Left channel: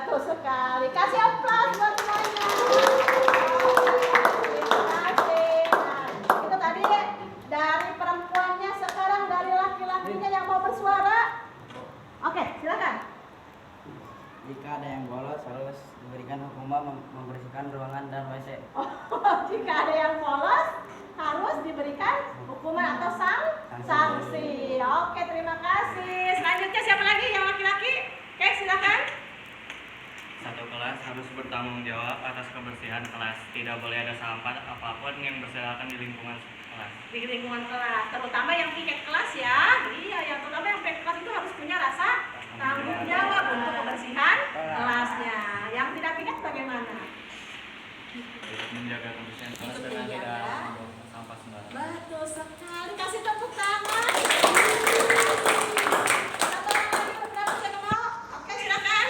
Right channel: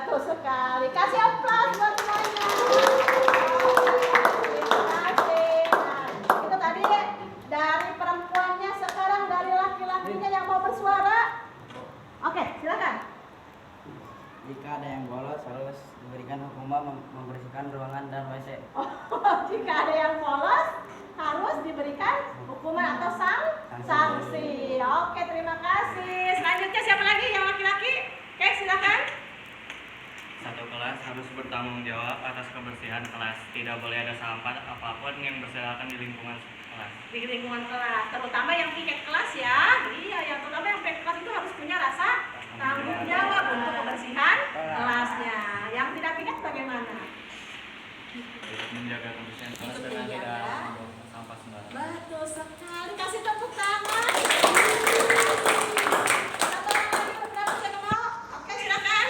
Betul sekali. Kasih aplaus buat semuanya. Terima kasih. Nah, itu tadi dari perempuannya, sekarang dari laki-lakinya yang mau bersuara. Oke, silakan. Jika ada yang bolos harus diberikan hukuman membersihkan ruangan dan WC. Oh, jika ada yang bolos harus diberikan hukuman atau sanksi. Oke, terima kasih. Selanjutnya siapa lagi yang laki-laki? Oke, silakan. Satu kelas harus bertanggung jawab atas kebersihan kelas. Tidak boleh ada sampah apapun yang berserakan di lingkungan kelas. Di lingkungan kelas, terutama yang piket kelas ya. Iya, yang terutama yang piket kelas itu harus punya rasa tanggung jawab untuk kebersihan kelasnya. Yang tidak piket bagaimana? Menjaga kebersihan kelas Untuk dan tidak menjaga. membuang sampah sembarangan. Betul sekali. Kasih tepuk tangan. Oke, silakan.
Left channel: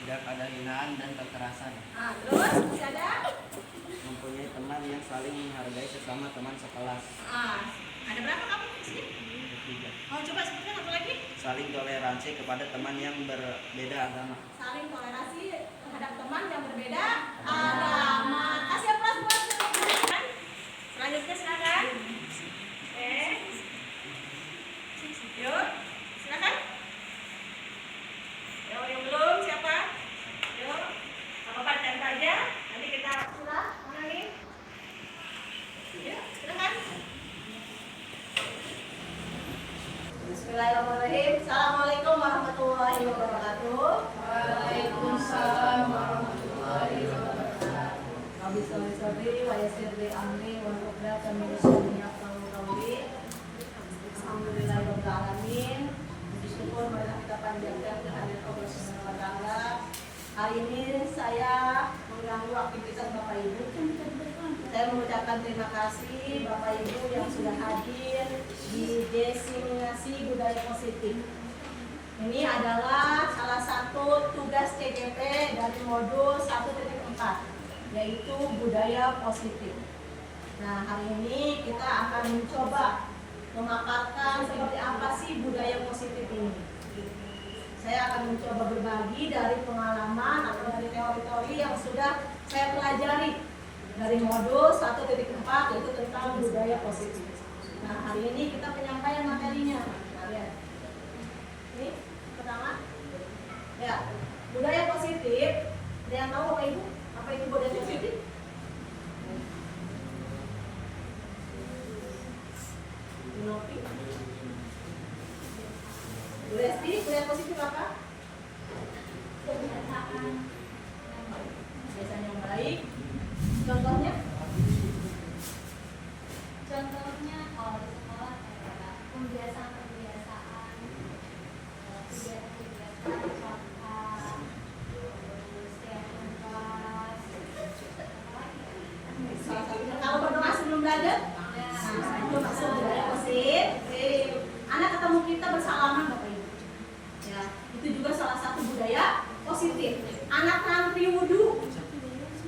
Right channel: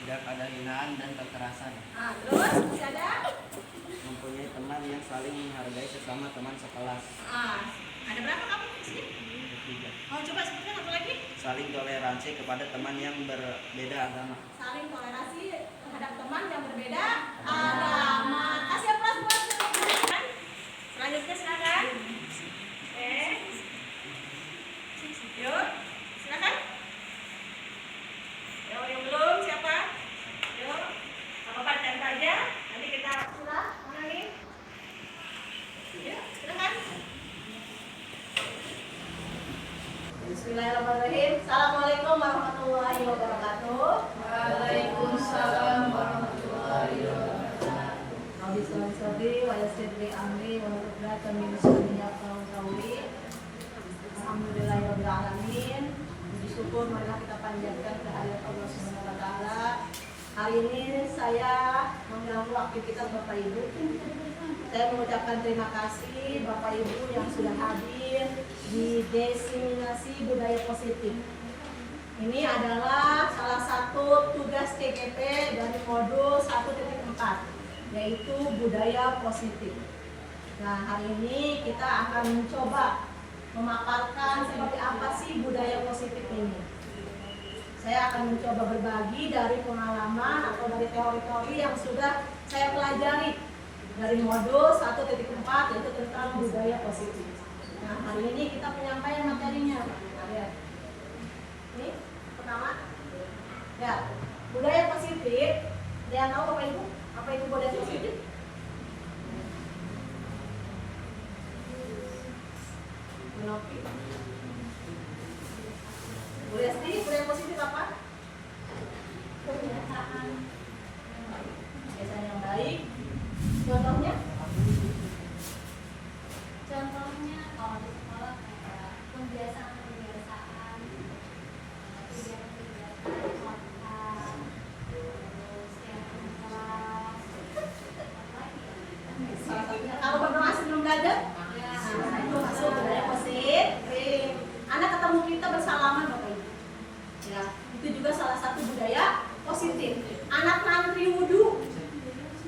Tidak ada hinaan dan kekerasan. Nah, terus masih ada? Mempunyai teman yang saling menghargai sesama teman sekelas. Ada berapa kamu di sini? Ketiga, Oh, coba sebutkan satu lagi. saling toleransi kepada teman yang berbeda agama. Saling toleransi terhadap teman yang berbeda agama. Kasih aplaus buat teman. Selanjutnya silakan. Yuk, silakan. Yuk, yang belum siapa? Yuk, apa paten saja. Nanti kita sudah mana nih? Yuk, silakan. Bismillahirrahmanirrahim. Assalamualaikum warahmatullahi wabarakatuh. Waalaikumsalam warahmatullahi wabarakatuh. Rabbi sholli sadri wa yassir li amri wa uqdatan min lisani yafqahu qawli. Alhamdulillahirabbil alamin. Puji syukur marilah kita panjatkan kehadirat Allah Subhanahu wa taala. Hari ini saya mengganggu aktivitas Bapak Ibu. Saya mengucapkan terima kasih Bapak Ibu yang sudah hadir di diseminasi budaya positif. Ini adalah salah satu tugas TGP dari modul 1.4, yaitu budaya positif. Nah, hari ini kita akan mencoba memaparkan seperti apa sih budaya positif ini. Saya akan mencoba berbagi dari pengalaman atau dari teori-teori yang sudah saya pelajari dari modul 1.4, yaitu tentang budaya positif. Nah, hari ini kita penyampaian materinya. Nah, lihat. Ini pertama. Ya, budaya positif. Ada yang tahu Bapak Ibu? Apa itu budaya positif? Nopi. Budaya sendiri, budaya positif apa? Kebiasaan Kebiasaan yang baik. Contohnya? contohnya kalau di sekolah kayak kebiasaan-kebiasaan kontak, terus kayak kelas Salah satunya kalau berdoa sebelum belajar. Nah, itu masuk budaya positif. Anak ketemu kita bersalaman Bapak Ibu. Ya, itu juga salah satu budaya positif. Anak ngantri wudhu.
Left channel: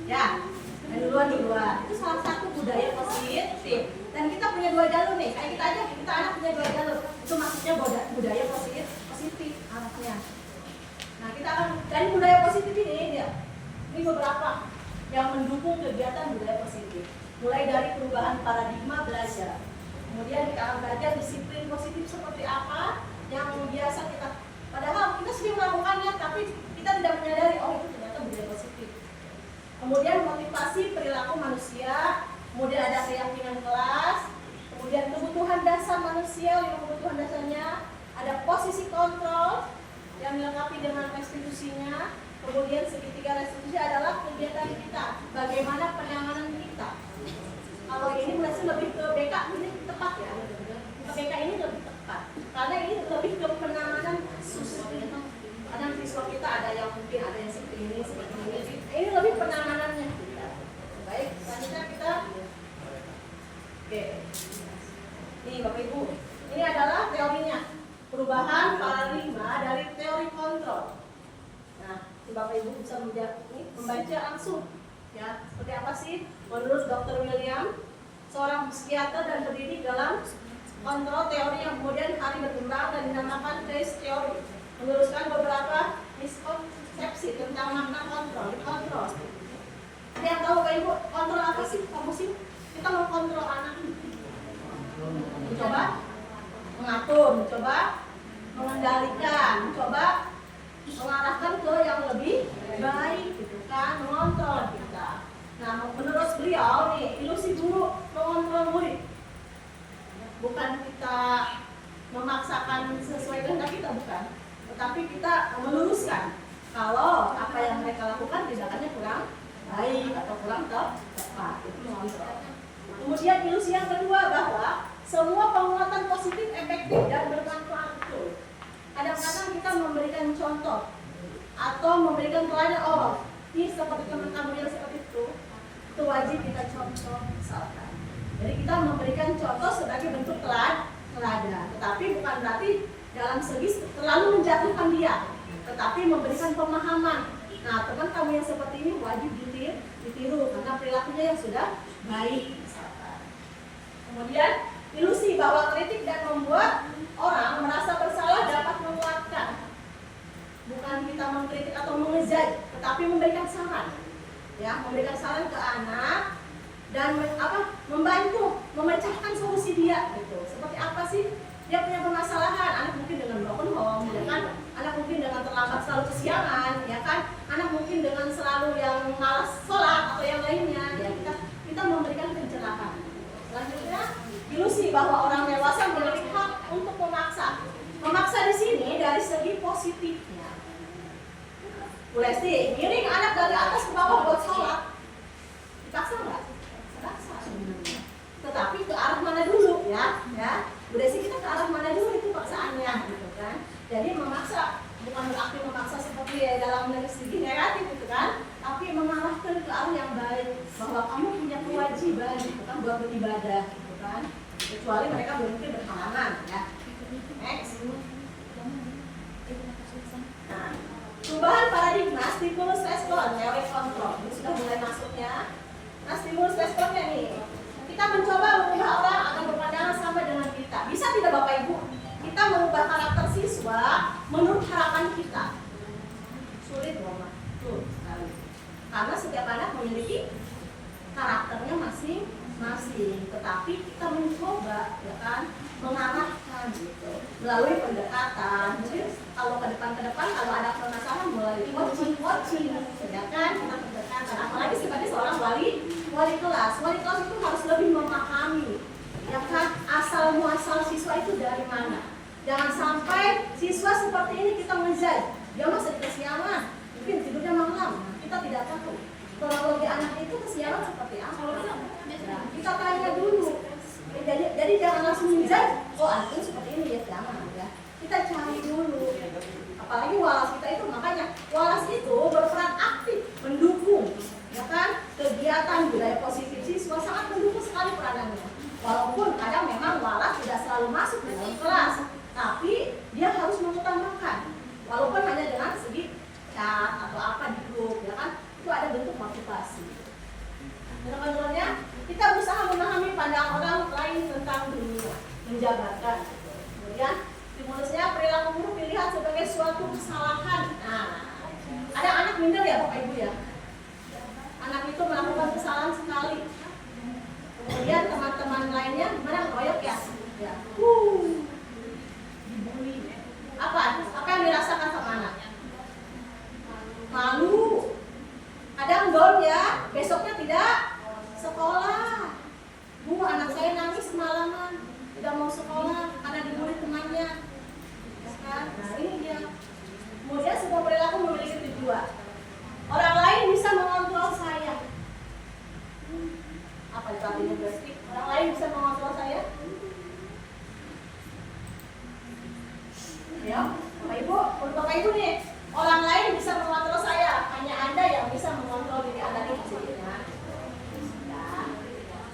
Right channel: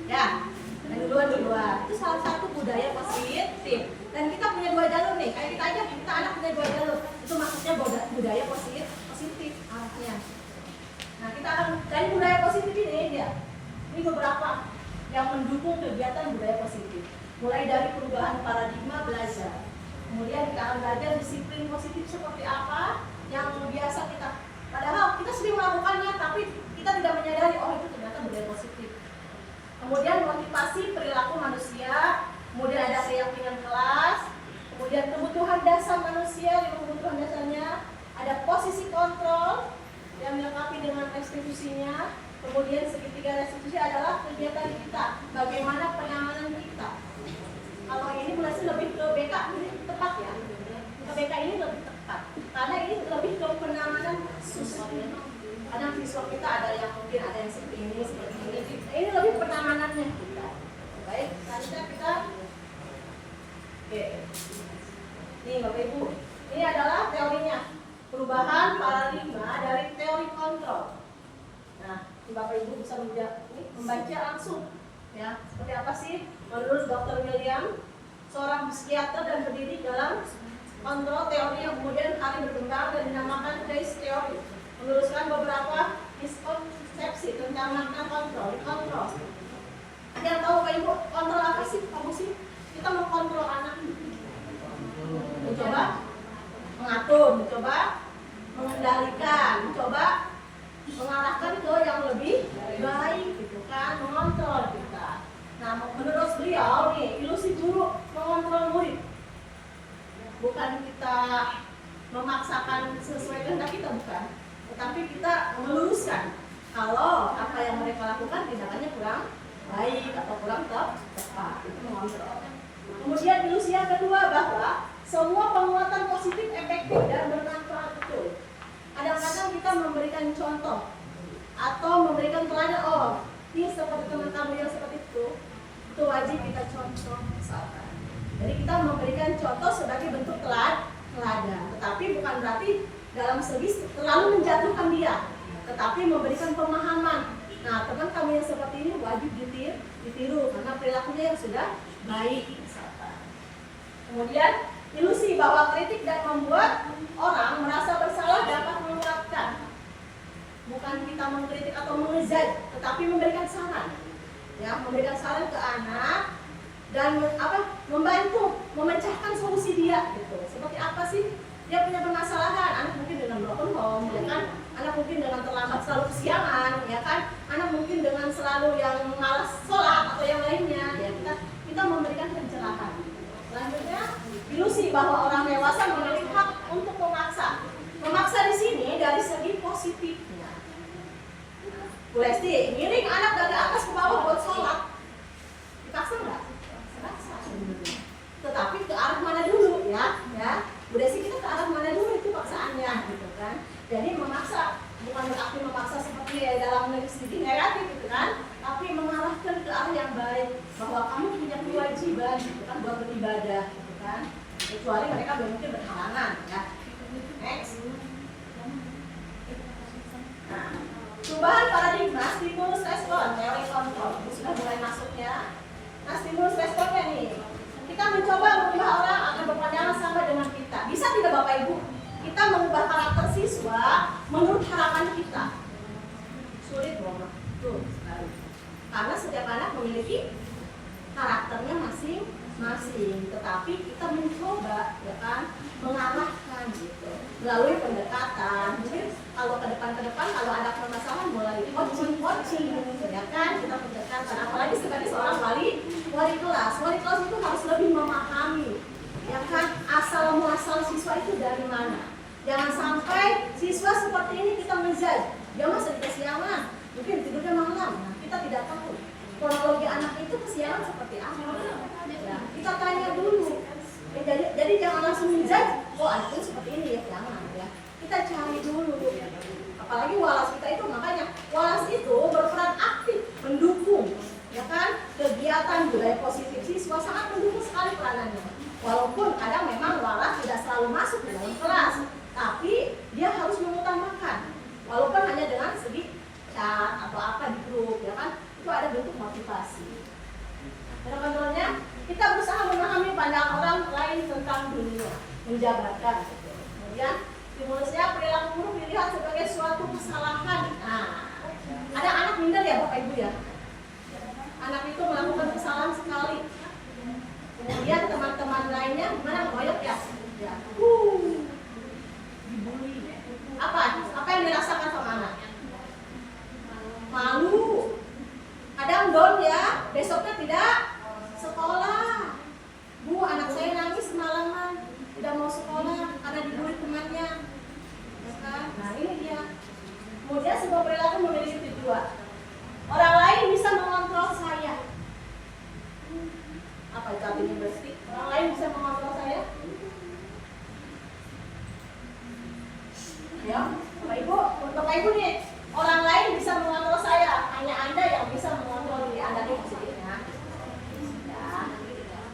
Ya, dan duluan. Itu salah satu budaya positif. Dan kita punya dua jalur nih. Kayak kita aja, kita anak punya dua jalur. Itu maksudnya budaya positif arahnya. Nah, kita akan dari budaya positif ini ya. Ini beberapa yang mendukung kegiatan budaya positif. Mulai dari perubahan paradigma belajar. Kemudian kita akan belajar disiplin positif seperti apa yang biasa kita, padahal kita sering melakukannya tapi kita tidak menyadari, oh itu ternyata budaya positif. Kemudian motivasi perilaku manusia, kemudian ada keyakinan kelas, kemudian kebutuhan dasar manusia, 5 kebutuhan dasarnya, ada posisi kontrol yang dilengkapi dengan restitusinya, kemudian segitiga restitusi adalah kegiatan kita, bagaimana penanganan kita. Kalau ini berarti lebih ke BK, ini tepat ya. Ke BK ini lebih tepat, karena ini lebih ke penanganan kasus. Kadang siswa kita ada yang mungkin ada yang seperti ini. Ini lebih penanganannya kita. Baik, selanjutnya kita. Oke. Nih Bapak Ibu, ini adalah teorinya. Perubahan paradigma dari teori kontrol. Nah, Bapak Ibu bisa membaca langsung. Ya, seperti apa sih menurut Dr. William, seorang psikiater dan pendidik dalam kontrol teori yang kemudian hari berkembang dan dinamakan trace teori, meluruskan beberapa miskonsepsi tentang makna kontrol, dikontrol. Ada yang tahu Bapak Ibu kontrol apa sih? Kamu sih? Kita mengkontrol anak. Mencoba mengatur, mencoba mengendalikan, mencoba mengarahkan ke yang lebih baik gitu kan, mengontrol kita. Nah, menurut beliau nih, ilusi guru mengontrol murid. Bukan kita memaksakan sesuai kehendak kita, bukan. Tetapi kita meluruskan kalau apa yang mereka lakukan tindakannya kurang baik atau kurang tepat, itu mengontrol. Kemudian ilusi yang kedua bahwa semua penguatan positif efektif dan bermanfaat betul. Kadang-kadang kita memberikan contoh atau memberikan teladan, oh ini seperti teman kamu yang seperti itu wajib kita contoh misalkan. Jadi kita memberikan contoh sebagai bentuk teladan, tetapi bukan berarti dalam segi terlalu menjatuhkan dia, tetapi memberikan pemahaman. Nah, teman kamu yang seperti ini wajib ditiru karena perilakunya yang sudah baik misalkan. Kemudian ilusi bahwa kritik dan membuat orang merasa bersalah dapat menguatkan. Bukan kita mengkritik atau mengejek, tetapi memberikan saran. Ya, memberikan saran ke anak dan membantu memecahkan solusi dia gitu. Seperti apa sih? Dia punya permasalahan, anak mungkin dengan broken home, ya kan? Anak mungkin dengan terlambat selalu kesiangan, ya kan? Anak mungkin dengan selalu yang malas sholat atau yang lainnya, ya kita memberikan pencerahan. Selanjutnya, ilusi bahwa orang dewasa memiliki hak untuk memaksa. Memaksa di sini dari segi positifnya. Bu Lesti, ngiring anak dari atas ke bawah buat sholat, dipaksa nggak? Dipaksa. Tetapi ke arah mana dulu, ya? Bu Lesti, kita ke arah mana dulu itu paksaannya, gitu kan? Jadi memaksa bukan berarti memaksa seperti dalam segi negatif, gitu kan? Tapi mengarahkan ke arah yang baik, bahwa kamu punya kewajiban, gitu kan, buat beribadah, gitu kan? Kecuali mereka mungkin berhalangan, ya. Next. Nah, perubahan paradigma stimulus respon teori kontrol ini sudah mulai masuknya. Nah, stimulus responnya nih, kita mencoba mengubah orang agar berpandangan sama dengan kita. Bisa tidak Bapak Ibu? Kita mengubah karakter siswa menurut harapan kita. Sulit loh, tuh sekali. Karena setiap anak memiliki karakternya masing-masing, tetapi kita mencoba, ya kan, mengarahkan gitu melalui pendekatan. Mungkin kalau ke depan kalau ada permasalahan mulai coaching, ya kan, kita pendekatan. Apalagi sebagai seorang wali kelas itu harus lebih memahami, ya kan, asal muasal siswa itu dari mana. Jangan sampai siswa seperti ini kita menjudge, dia masih kesiangan, mungkin tidurnya malam. Nah, kita tidak tahu kronologi anak itu kesiangan seperti apa. Ya, kita tanya dulu. Jadi jangan langsung menjudge, oh anak itu seperti ini, ya jangan, ya. Kita cari dulu. Apalagi walas kita itu, makanya walas itu berperan aktif mendukung, ya kan, kegiatan budaya positif siswa, sangat mendukung sekali peranannya. Walaupun kadang memang walas tidak selalu masuk di dalam kelas, tapi dia harus mengutamakan, walaupun hanya dengan segi chat atau apa di grup, ya kan, itu ada bentuk motivasi. Teman-temannya, kita berusaha memahami pandangan orang lain tentang dunia, menjabarkan. Gitu. Kemudian stimulusnya perilaku buruk dilihat sebagai suatu kesalahan. Nah, ada anak minder ya Bapak Ibu ya. Anak itu melakukan kesalahan sekali. Kemudian teman-teman lainnya gimana, ngoyok ya? Ya. Dibully. Apa yang dirasakan sama anak? Malu. Kadang down ya, besoknya tidak sekolah. Bu, anak saya nangis semalaman, tidak mau sekolah karena dibully temannya. Nah, ini dia. Kemudian sebuah perilaku memiliki tujuan. Orang lain bisa mengontrol saya. Apa itu artinya berarti? Orang lain bisa mengontrol saya? Ya, Bapak Ibu, untuk Bapak Ibu nih, orang lain bisa mengontrol saya. Hanya Anda yang bisa mengontrol diri Anda nih maksudnya.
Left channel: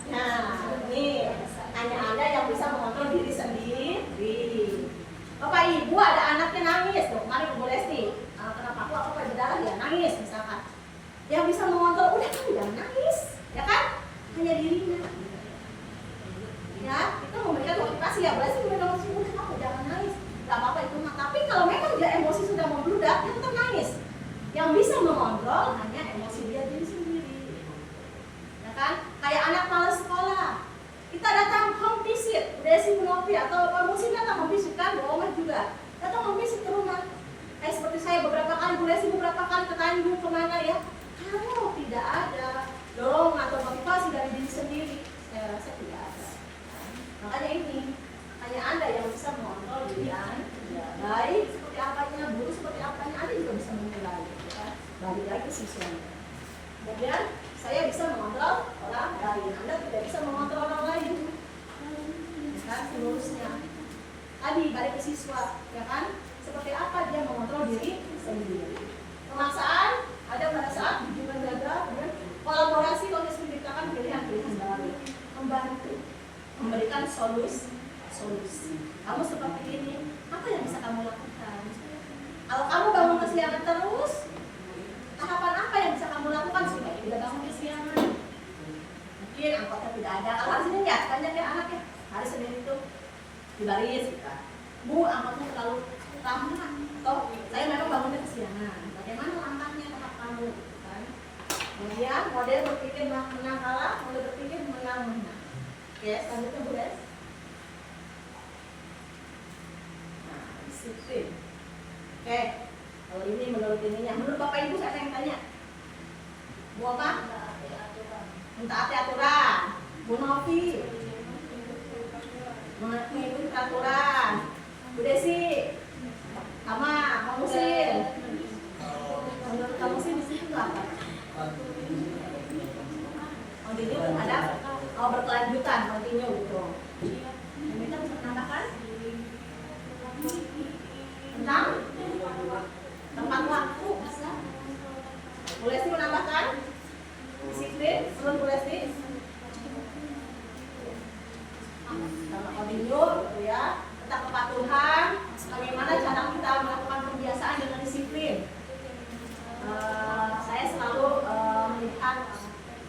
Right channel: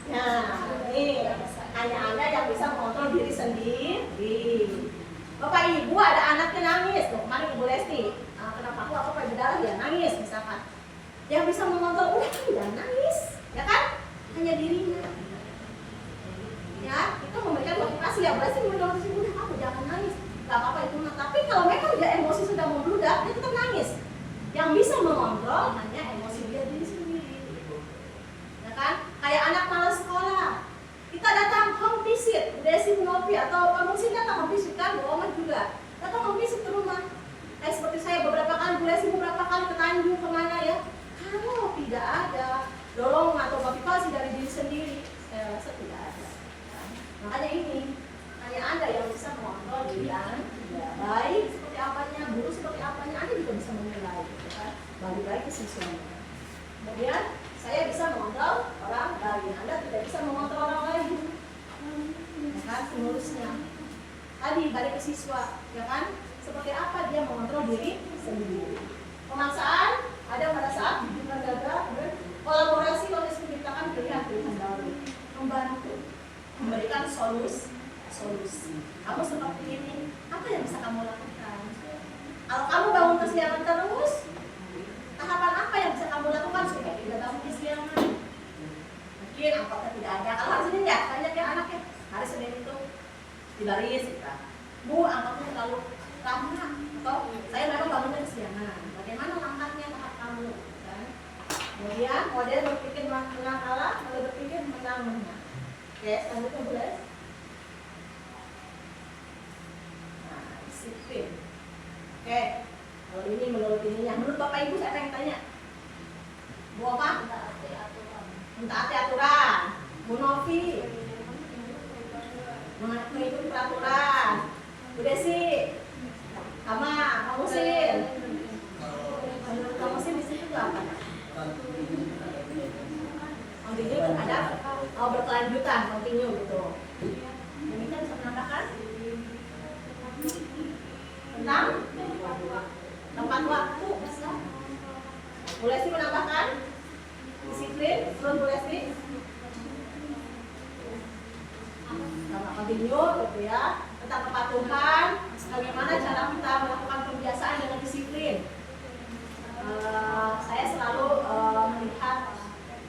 Nah, ini hanya Anda yang bisa mengontrol diri sendiri. Bapak Ibu ada anaknya nangis, tuh kemarin Bu Lesti, kenapa aku kayak berdarah ya, nangis misalkan. Yang bisa mengontrol, udah kamu jangan nangis, ya kan? Hanya dirinya. Ya, kita memberikan motivasi ya, berarti menolong udah kamu jangan nangis. Gak apa-apa itu, tapi kalau memang dia emosi sudah membludak, meledak, dia tetap nangis. Yang bisa mengontrol hanya emosi dia diri sendiri. Ya kan? Kayak anak malas sekolah. Kita datang home visit, Desi Novi atau Pak Musin datang home visit kan, bohongan juga. Datang home visit ke rumah. Seperti saya beberapa kali, Bu Desi beberapa kali ke Tanjung kemana ya. Kalau tidak ada dorongan atau motivasi dari diri sendiri, saya rasa tidak ada. Makanya ini, hanya Anda yang bisa mengontrol diri Anda. Baik seperti apanya, buruk seperti apanya, Anda juga bisa menilai. Kan? Balik lagi ke siswanya. Kemudian saya bisa mengontrol orang lain, Anda tidak bisa mengontrol orang lain. Ya kan, stimulusnya. Tadi balik ke siswa, ya kan? Seperti apa dia mengontrol diri sendiri. Pemaksaan ada pada saat hubungan gagal, kemudian kolaborasi untuk menciptakan pilihan-pilihan baru, membantu, memberikan solusi. Kamu seperti ini, apa yang bisa kamu lakukan? Kalau kamu bangun kesiangan terus, tahapan apa yang bisa kamu lakukan supaya tidak bangun kesiangan? Mungkin angkotnya tidak ada. Kalau hari Senin ya, banyak ya anak ya. Hari Senin itu di baris kita. Bu, angkotnya terlalu lama. Atau saya memang bangunnya kesiangan. Bagaimana langkahnya tahap kamu? Kan? Kemudian model berpikir menang kalah, model berpikir menang menang. Oke, selanjutnya Bu Des. Nah, disiplin. Oke, kalau ini menurut ininya, menurut Bapak Ibu saya yang tanya. Bu apa? Mentaati aturan. Bu Novi. Mengikuti peraturan. Bu Desi. Kamu Musin. Menurut kamu sih di situ apa? Continue terhadap berkelanjutan, continue gitu. Ini kan bisa menambahkan tentang tempat waktu bisa. Boleh sih menambahkan disiplin, menurut boleh sih. Sama continue gitu ya. Tentang kepatuhan, bagaimana cara kita melakukan kebiasaan dengan disiplin. Saya selalu melihat,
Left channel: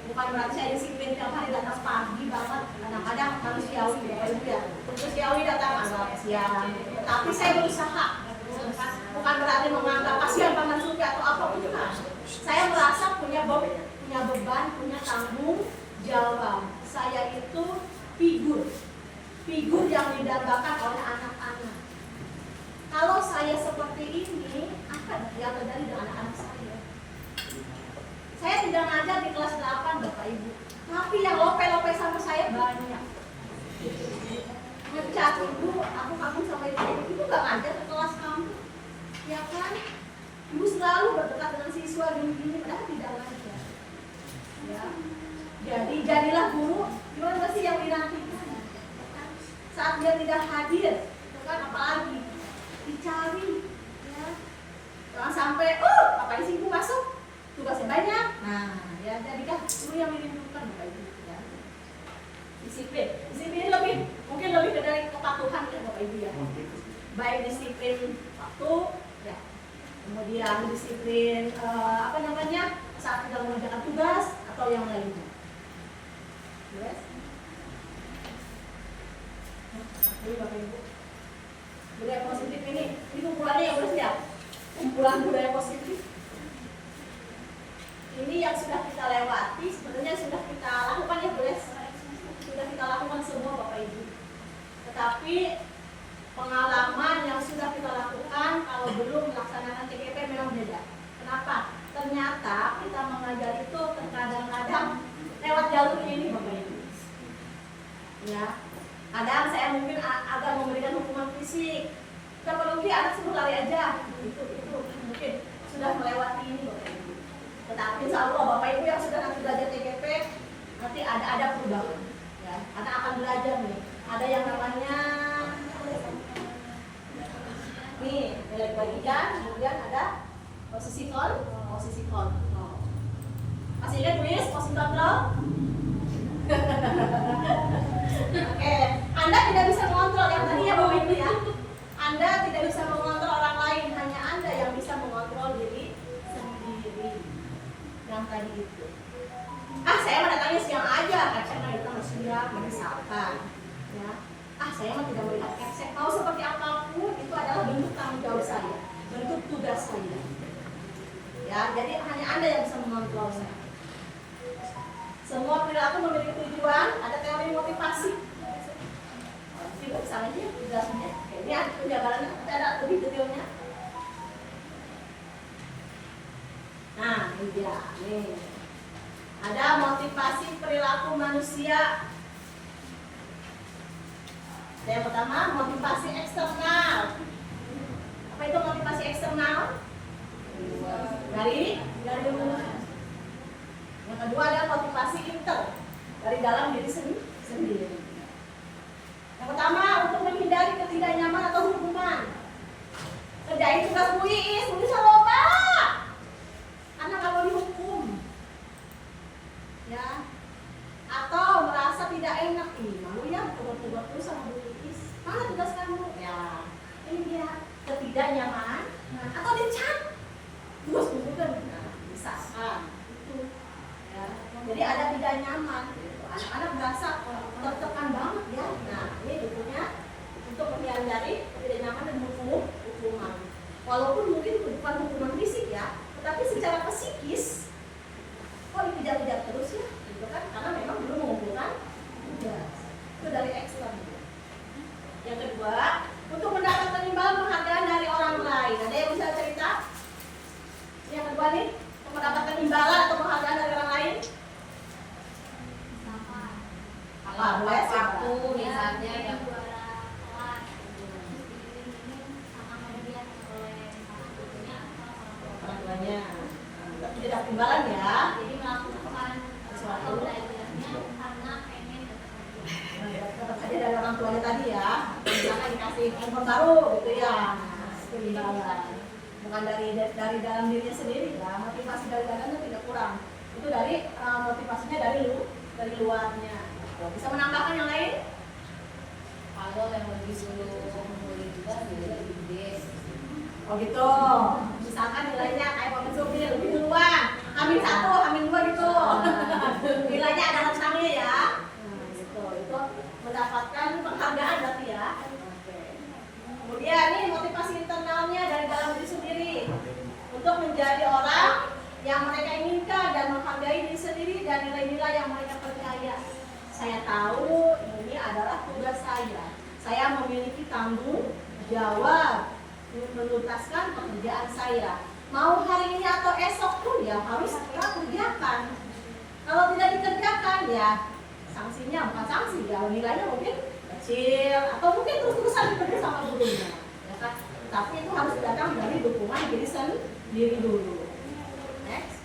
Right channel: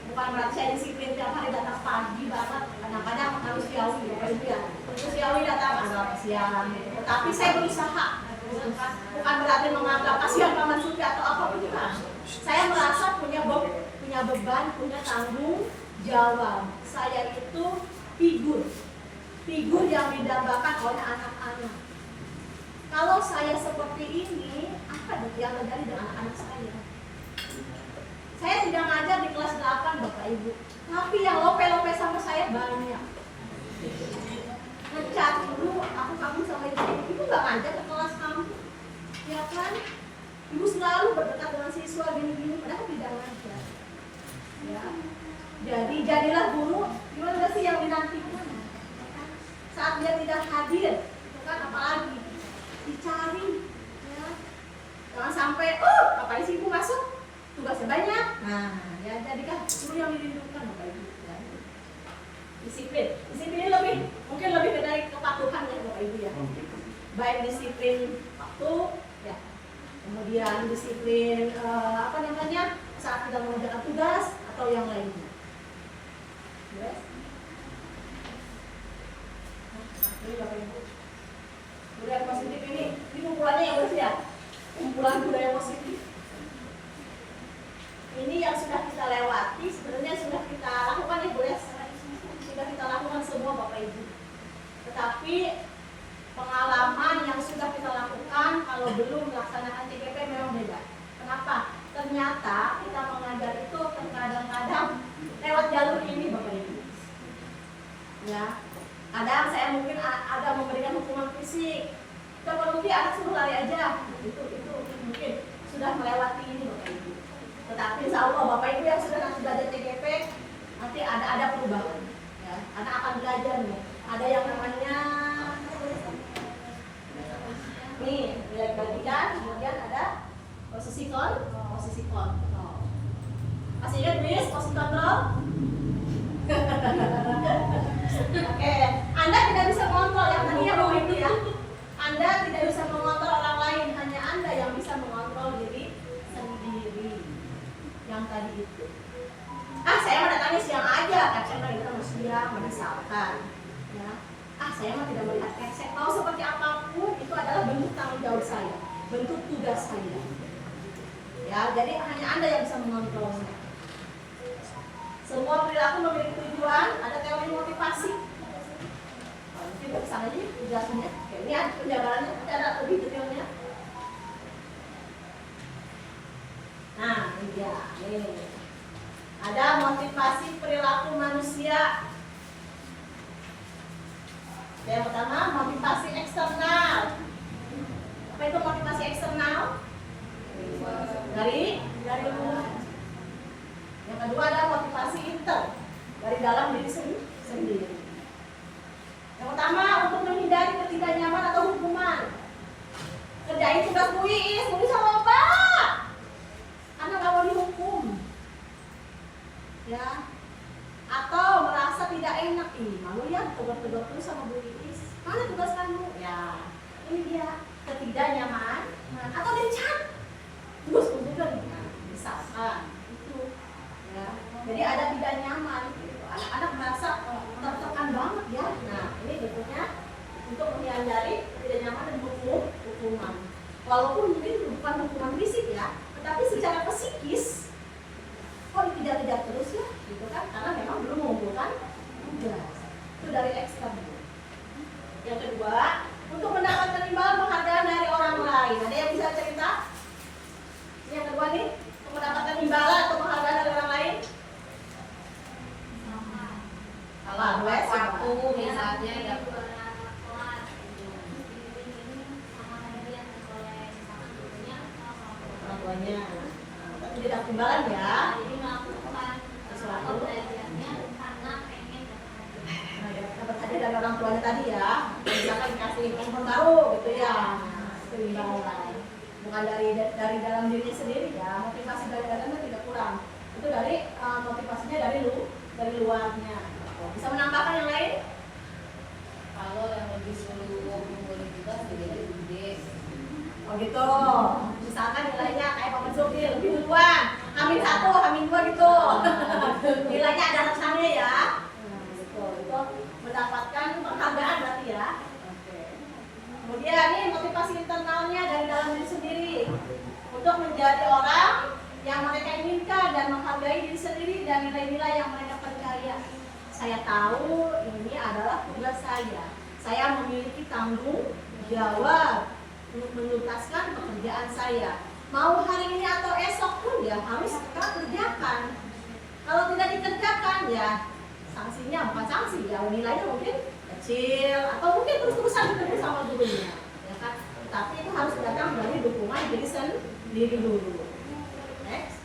bukan berarti saya disiplin tiap hari datang pagi banget, kadang-kadang manusiawi Bapak Ibu ya, manusiawi datang agak siang, tetapi saya berusaha, bukan berarti menganggap kasihan Paman Suki atau apapun, bukan. Saya merasa punya beban, punya tanggung jawab. Saya itu figur yang didambakan oleh anak-anak. Kalau saya seperti ini, apa yang terjadi dengan anak-anak saya? Saya tidak ngajar di kelas 8 Bapak Ibu, tapi yang lope-lope sama saya banyak. Ngecat ibu, aku kagum sama ibu gak ngajar ke kelas kamu, ya kan? Ibu selalu berdekat dengan siswa gini-gini, padahal tidak ngajar. Ya, jadi jadilah guru, gimana sih yang dinantikan? Saat dia tidak hadir, itu kan apalagi dicari, ya. Jangan sampai, ngapain sih ibu masuk? Tugasnya banyak. Nah, ya jadikan guru yang dirindukan Bapak Ibu. Ya. Disiplin mungkin lebih dari kepatuhan ya Bapak Ibu ya. Baik disiplin waktu, ya. Kemudian disiplin saat kita mengerjakan tugas atau yang lainnya. Yes. Jadi Bapak Ibu, budaya positif ini kumpulannya yang bersih ya, kumpulan budaya positif. Ini yang sudah kita lewati, sebenarnya sudah kita lakukan ya boleh, sudah kita lakukan semua Bapak Ibu. Tetapi pengalaman yang sudah kita lakukan kalau belum melaksanakan TKP memang beda. Kenapa? Ternyata kita mengajar itu kadang-kadang lewat jalur ini Bapak Ibu. Ya. Kadang saya mungkin agak memberikan hukuman fisik. Terpenuhi anak suruh lari aja. Itu mungkin sudah melewati ini Bapak Ibu. Tetapi insya Allah Bapak Ibu yang sudah nanti belajar TKP nanti ada perubahan. Ya, anak akan belajar nih. Ada yang namanya nih nilai bagian, kemudian ada posisi kontrol. Masih ingat Miss posisi kontrol? Oke, Anda tidak bisa mengontrol yang tadi ya Bapak Ibu ya. Anda tidak bisa mengontrol orang lain, hanya Anda yang bisa mengontrol diri sendiri. Yang tadi itu. Saya mau datangnya siang aja, kan saya mau datang siang, misalkan. Ya. Saya mah tidak Ya, jadi hanya Anda yang bisa mengontrolnya. Semua perilaku memiliki tujuan, ada teori motivasi. Kita kesana aja penjelasannya. Oke, ini ada penjabarannya, tapi ada lebih detailnya. Nah, ini dia. Nih. Ada motivasi perilaku manusia. Yang pertama, motivasi eksternal. Apa itu motivasi eksternal? Dari luar. Yang kedua ada motivasi inter, dari dalam diri sendiri. Yang pertama, untuk menghindari ketidaknyaman atau hukuman. Kerjain tugas Bu Iis bisa loba. Karena nggak mau dihukum. Ya. Atau merasa tidak enak, malu ya tugas terus sama Bu Iis. Mana tugas kamu? Ya, ini dia ketidaknyaman atau dicat. Tugas kumpul kan, bisa. Itu. Ya. Jadi ada tidak nyaman. Gitu. Anak-anak merasa tertekan banget ya. Nah, ini bentuknya untuk menghindari tidak nyaman dan hukuman. Walaupun mungkin bukan hukuman fisik ya, tetapi secara psikis kok dikejar-kejar terus ya, gitu kan? Karena memang belum mengumpulkan tugas. Itu dari ekstern. Yang kedua, untuk mendapatkan imbalan penghargaan dari orang lain. Ada yang bisa cerita? Yang kedua nih, untuk mendapatkan imbalan atau penghargaan dari orang lain. Kalau Boleh, waktu Mbak. misalnya ya juara kelas sama hadiah oleh gurunya Orang tuanya. Berarti dia dapat imbalan ya. jadi melakukan Sesuatu. belajarnya karena pengen Dapat hadiah dari orang tuanya tadi ya. Misalkan dikasih handphone baru gitu ya. Nah, itu imbalan. Bukan dari dalam dirinya sendiri ya. Motivasi dari dalamnya tidak kurang. Itu dari motivasinya dari luarnya. Bisa menambahkan yang lain? kalau yang lebih sebelum boleh juga nilainya gede. Oh gitu. Misalkan nilainya kayak Pak Mensur nih lebih duluan. Amin 1, Amin 2 gitu. Nilainya ada rentangnya ya. Gitu. Itu mendapatkan penghargaan berarti ya. Oke. Kemudian nih motivasi internalnya dari dalam diri sendiri untuk menjadi orang yang mereka inginkan dan menghargai diri sendiri dan nilai-nilai yang mereka percaya. Saya tahu ini adalah tugas saya. Saya memiliki tanggung jawab untuk menuntaskan pekerjaan saya. Mau hari ini atau esok pun ya harus kita kerjakan. Kalau tidak dikerjakan ya sanksinya bukan sanksi ya, nilainya mungkin kecil atau mungkin terus-terusan ditegur sama gurunya, ya kan? Tapi itu harus datang dari dukungan diri sendiri dulu. Next.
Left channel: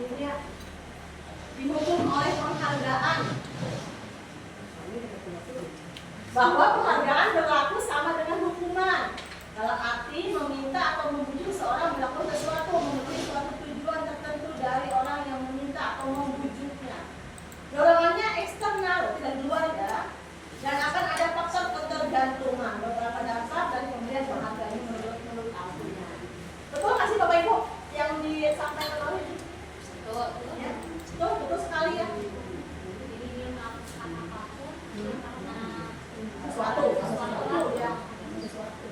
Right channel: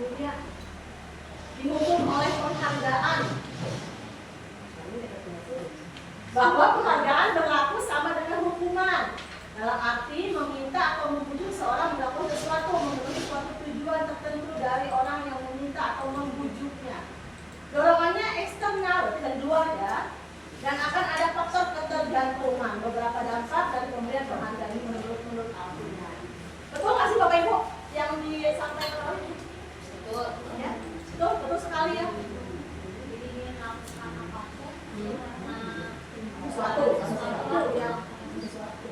Ini dia. Dihukum oleh penghargaan. Bahwa penghargaan berlaku sama dengan hukuman. Dalam arti meminta atau membujuk seorang melakukan sesuatu memenuhi suatu tujuan tertentu dari orang yang meminta atau membujuknya. Dorongannya eksternal, tidak luar ya. Dan akan ada faktor ketergantungan. Beberapa dampak dari pemberian penghargaan ini menurut artinya. Betul nggak sih Bapak Ibu yang disampaikan tadi? Betul. Ya, betul sekali ya. Jadi dia melakukan apapun karena Sesuatu ya. Sesuatu.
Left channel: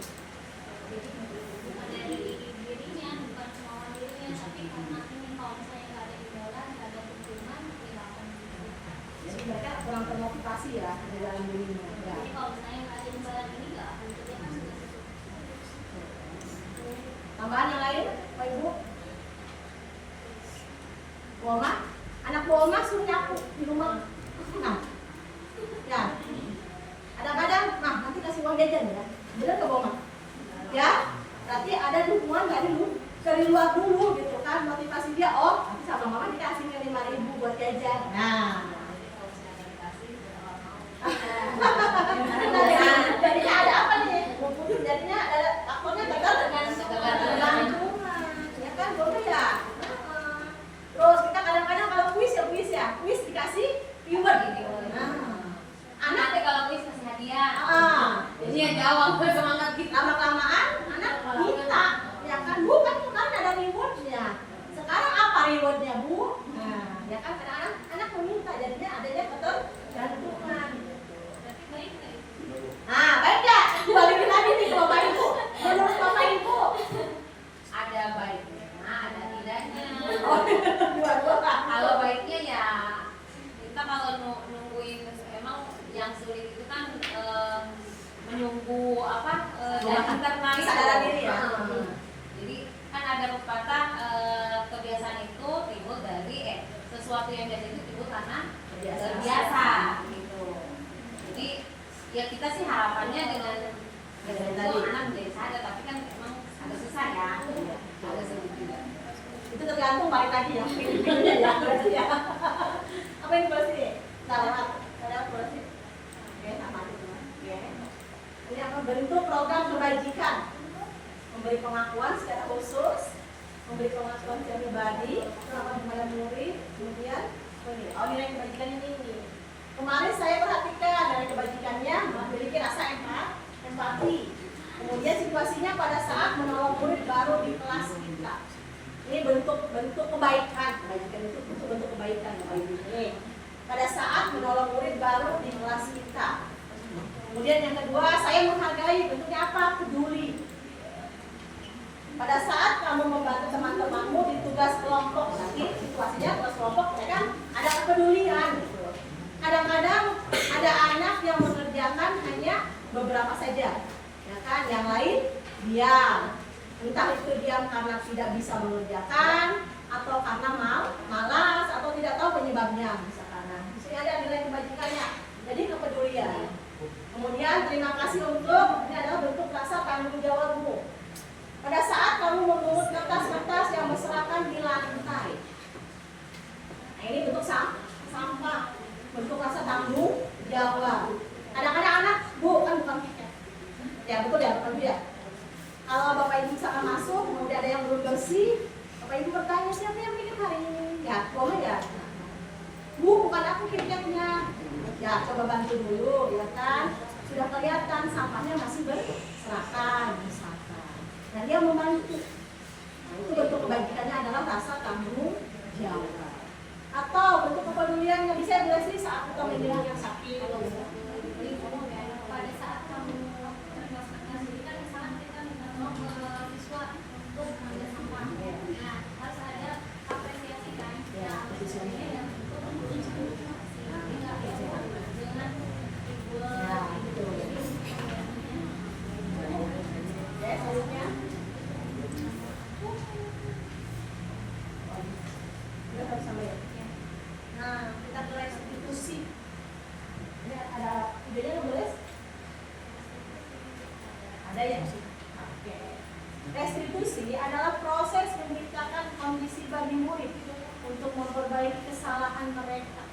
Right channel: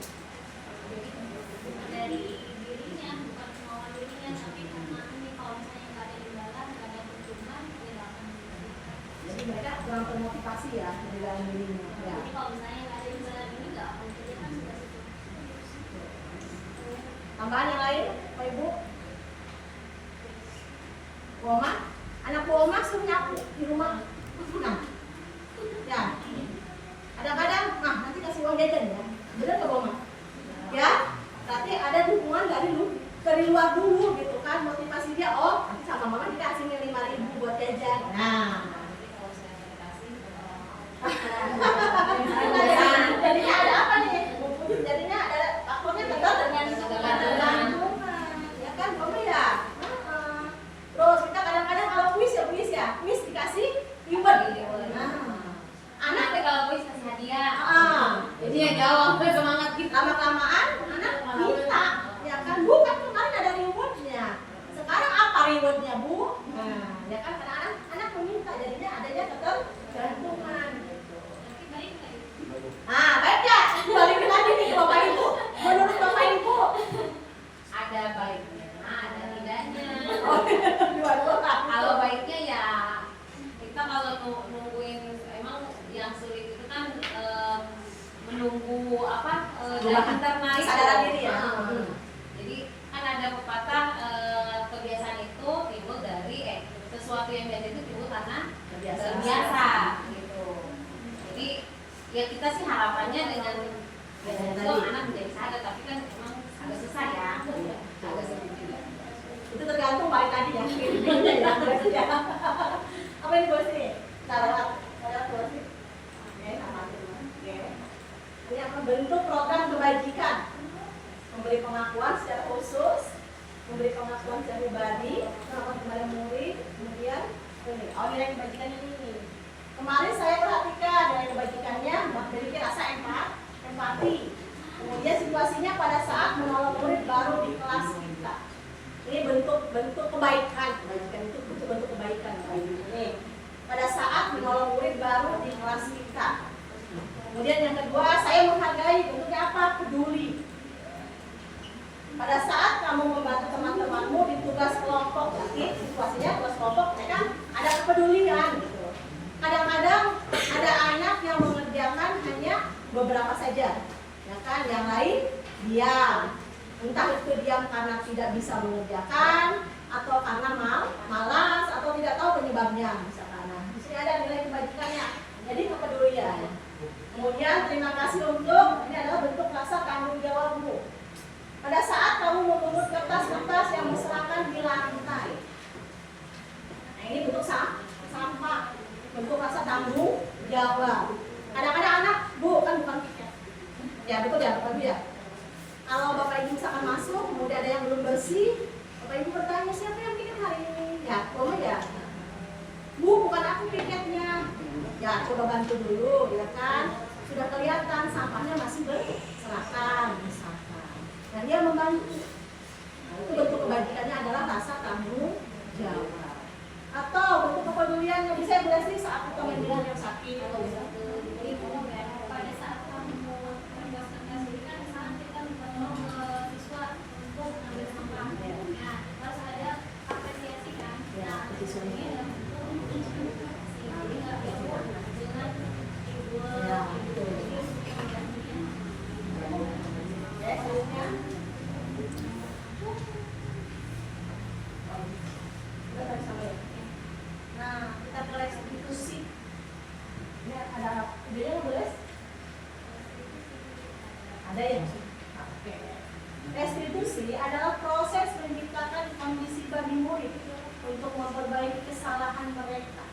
bukan dari dirinya, bukan kemauan dirinya, tapi karena ini kalau misalnya nggak ada imbalan, nggak ada tuntunan, tidak akan gitu. Jadi mereka kurang termotivasi ya dari dalam dirinya. Ya. Jadi kalau misalnya nggak ada imbalan ini nggak akan kerjakan sudah itu. Tambahan yang lain, Pak Ibu? Bu Oma, anak Bu Oma suruh nyapu di rumah. Nah, ya. Kadang-kadang, nah nanti kasih uang jajan ya. Bener nggak Bu Oma? Ya, berarti ada dukungan dari luar dulu gitu kan, motivasi dia. Oh, nanti sama mama dikasih 5.000 buat jajan. Nah. Jadinya ada apa nih? Jadinya ada faktornya ketergantungan, ya kan, boleh ya. Terus kita kadang-kadang kalau kuis ya, kuis dikasih reward gitu. Anak Nanti kalau kuis kasih hadiah. jadi ya jawab semangat kita. Lama-lamaan anak minta, ya kan, Bu kan kemarin ada rewardnya. Sekarang apa rewardnya Bu? Nah, ya kan kadang-kadang anak meminta, jadinya adanya ketergantungan. Tapi baik nggak itu? Baik ya, balikin lagi nih ke Bapak Ibu. Menurut Bapak Ibu, itu kan menunggu apa Perubahan. internal Kesadaran diri ya. Jadi kan ada pepatah kebiasaan itu timbul dari sesuatu yang biasa itu timbul karena terbiasa gitu. Jadi ya kita sih harapannya dengan itu anak menjadi sadar, tapi kan emang agak susah ya. Agak sulit juga. Itu tergantung balik tadi ya, pilihnya ya, berarti ya. Apa yang terus ini? Saya terus ini. Oke, sama itu. Oke. Ini apa? Bentuk program kebajikan. Memberi pengakuan secara khusus, memberi pengakuan secara pribadi, kepada murid, kemudian ini. Oh, nilai kebajikannya ini. Kemarin saya perhatikan dari kebajikannya memiliki rasa empati. Kemudian situasinya pada saat menolong murid baru di kelas kita. Ini bentuk kebaikan. Kebajikan itu bentuk kebaikan. Ini pada saat menolong murid baru di kelas kita. Kemudian yang kedua, saya menghargai, bentuknya apa? Peduli. Pada saat kamu membantu teman-temanmu di tugas kelompok, tapi situasinya tugas kelompok, ya kan? Ada kepedulian. Gitu. Kadang-kadang ada anak yang mengerjakan hanya beberapa saja, ya kan? Yang lain diam. Entah itu diam karena tidak bisa mengerjakan, atau karena malas, atau tidak tahu penyebabnya, misalkan. Nah, di sini ada nilai kebajikannya. Jadi kepedulian. Kemudian terima kasih untuk, ini adalah bentuk rasa tanggung jawabmu. Pada saat kamu memungut kertas-kertas yang berserakan di lantai. Nah, ini bentuk sampah, bentuk rasa tanggung jawab. Kadang-kadang anak, Bu, kan bukan piket. Ya, betul ya, Bapak Ibu ya. Kalau Bapak Ibu misalkan masuk, kemudian ada yang belum bersih, Bapak Ibu bertanya, siapa yang piket hari ini? Ya, boleh ya. Bu, bukan aku piketnya. Ya, coba bantu dulu, ya kan? Sudah kelihatan sampahnya masih berserakan, misalkan. Dan dia membantu. Nah, itu bentuk kebajikannya adalah rasa tanggung jawab. Atau bentuk kepedulian yang bisa berhasil saat kita mendengar yang sakit. Jadi pada saat kamu berbuat diri kan misalnya kita menolong siswa untuk mengambil sampah. Nah, harus ada apresiasi kan. Ya, siswanya. Ya, betul. Oke, selanjutnya. Nah, kita ke restitusi. Ini ada idenya nggak boleh? Ada ya? Oke. Restitusi adalah proses menciptakan kondisi bagi murid untuk memperbaiki kesalahan mereka.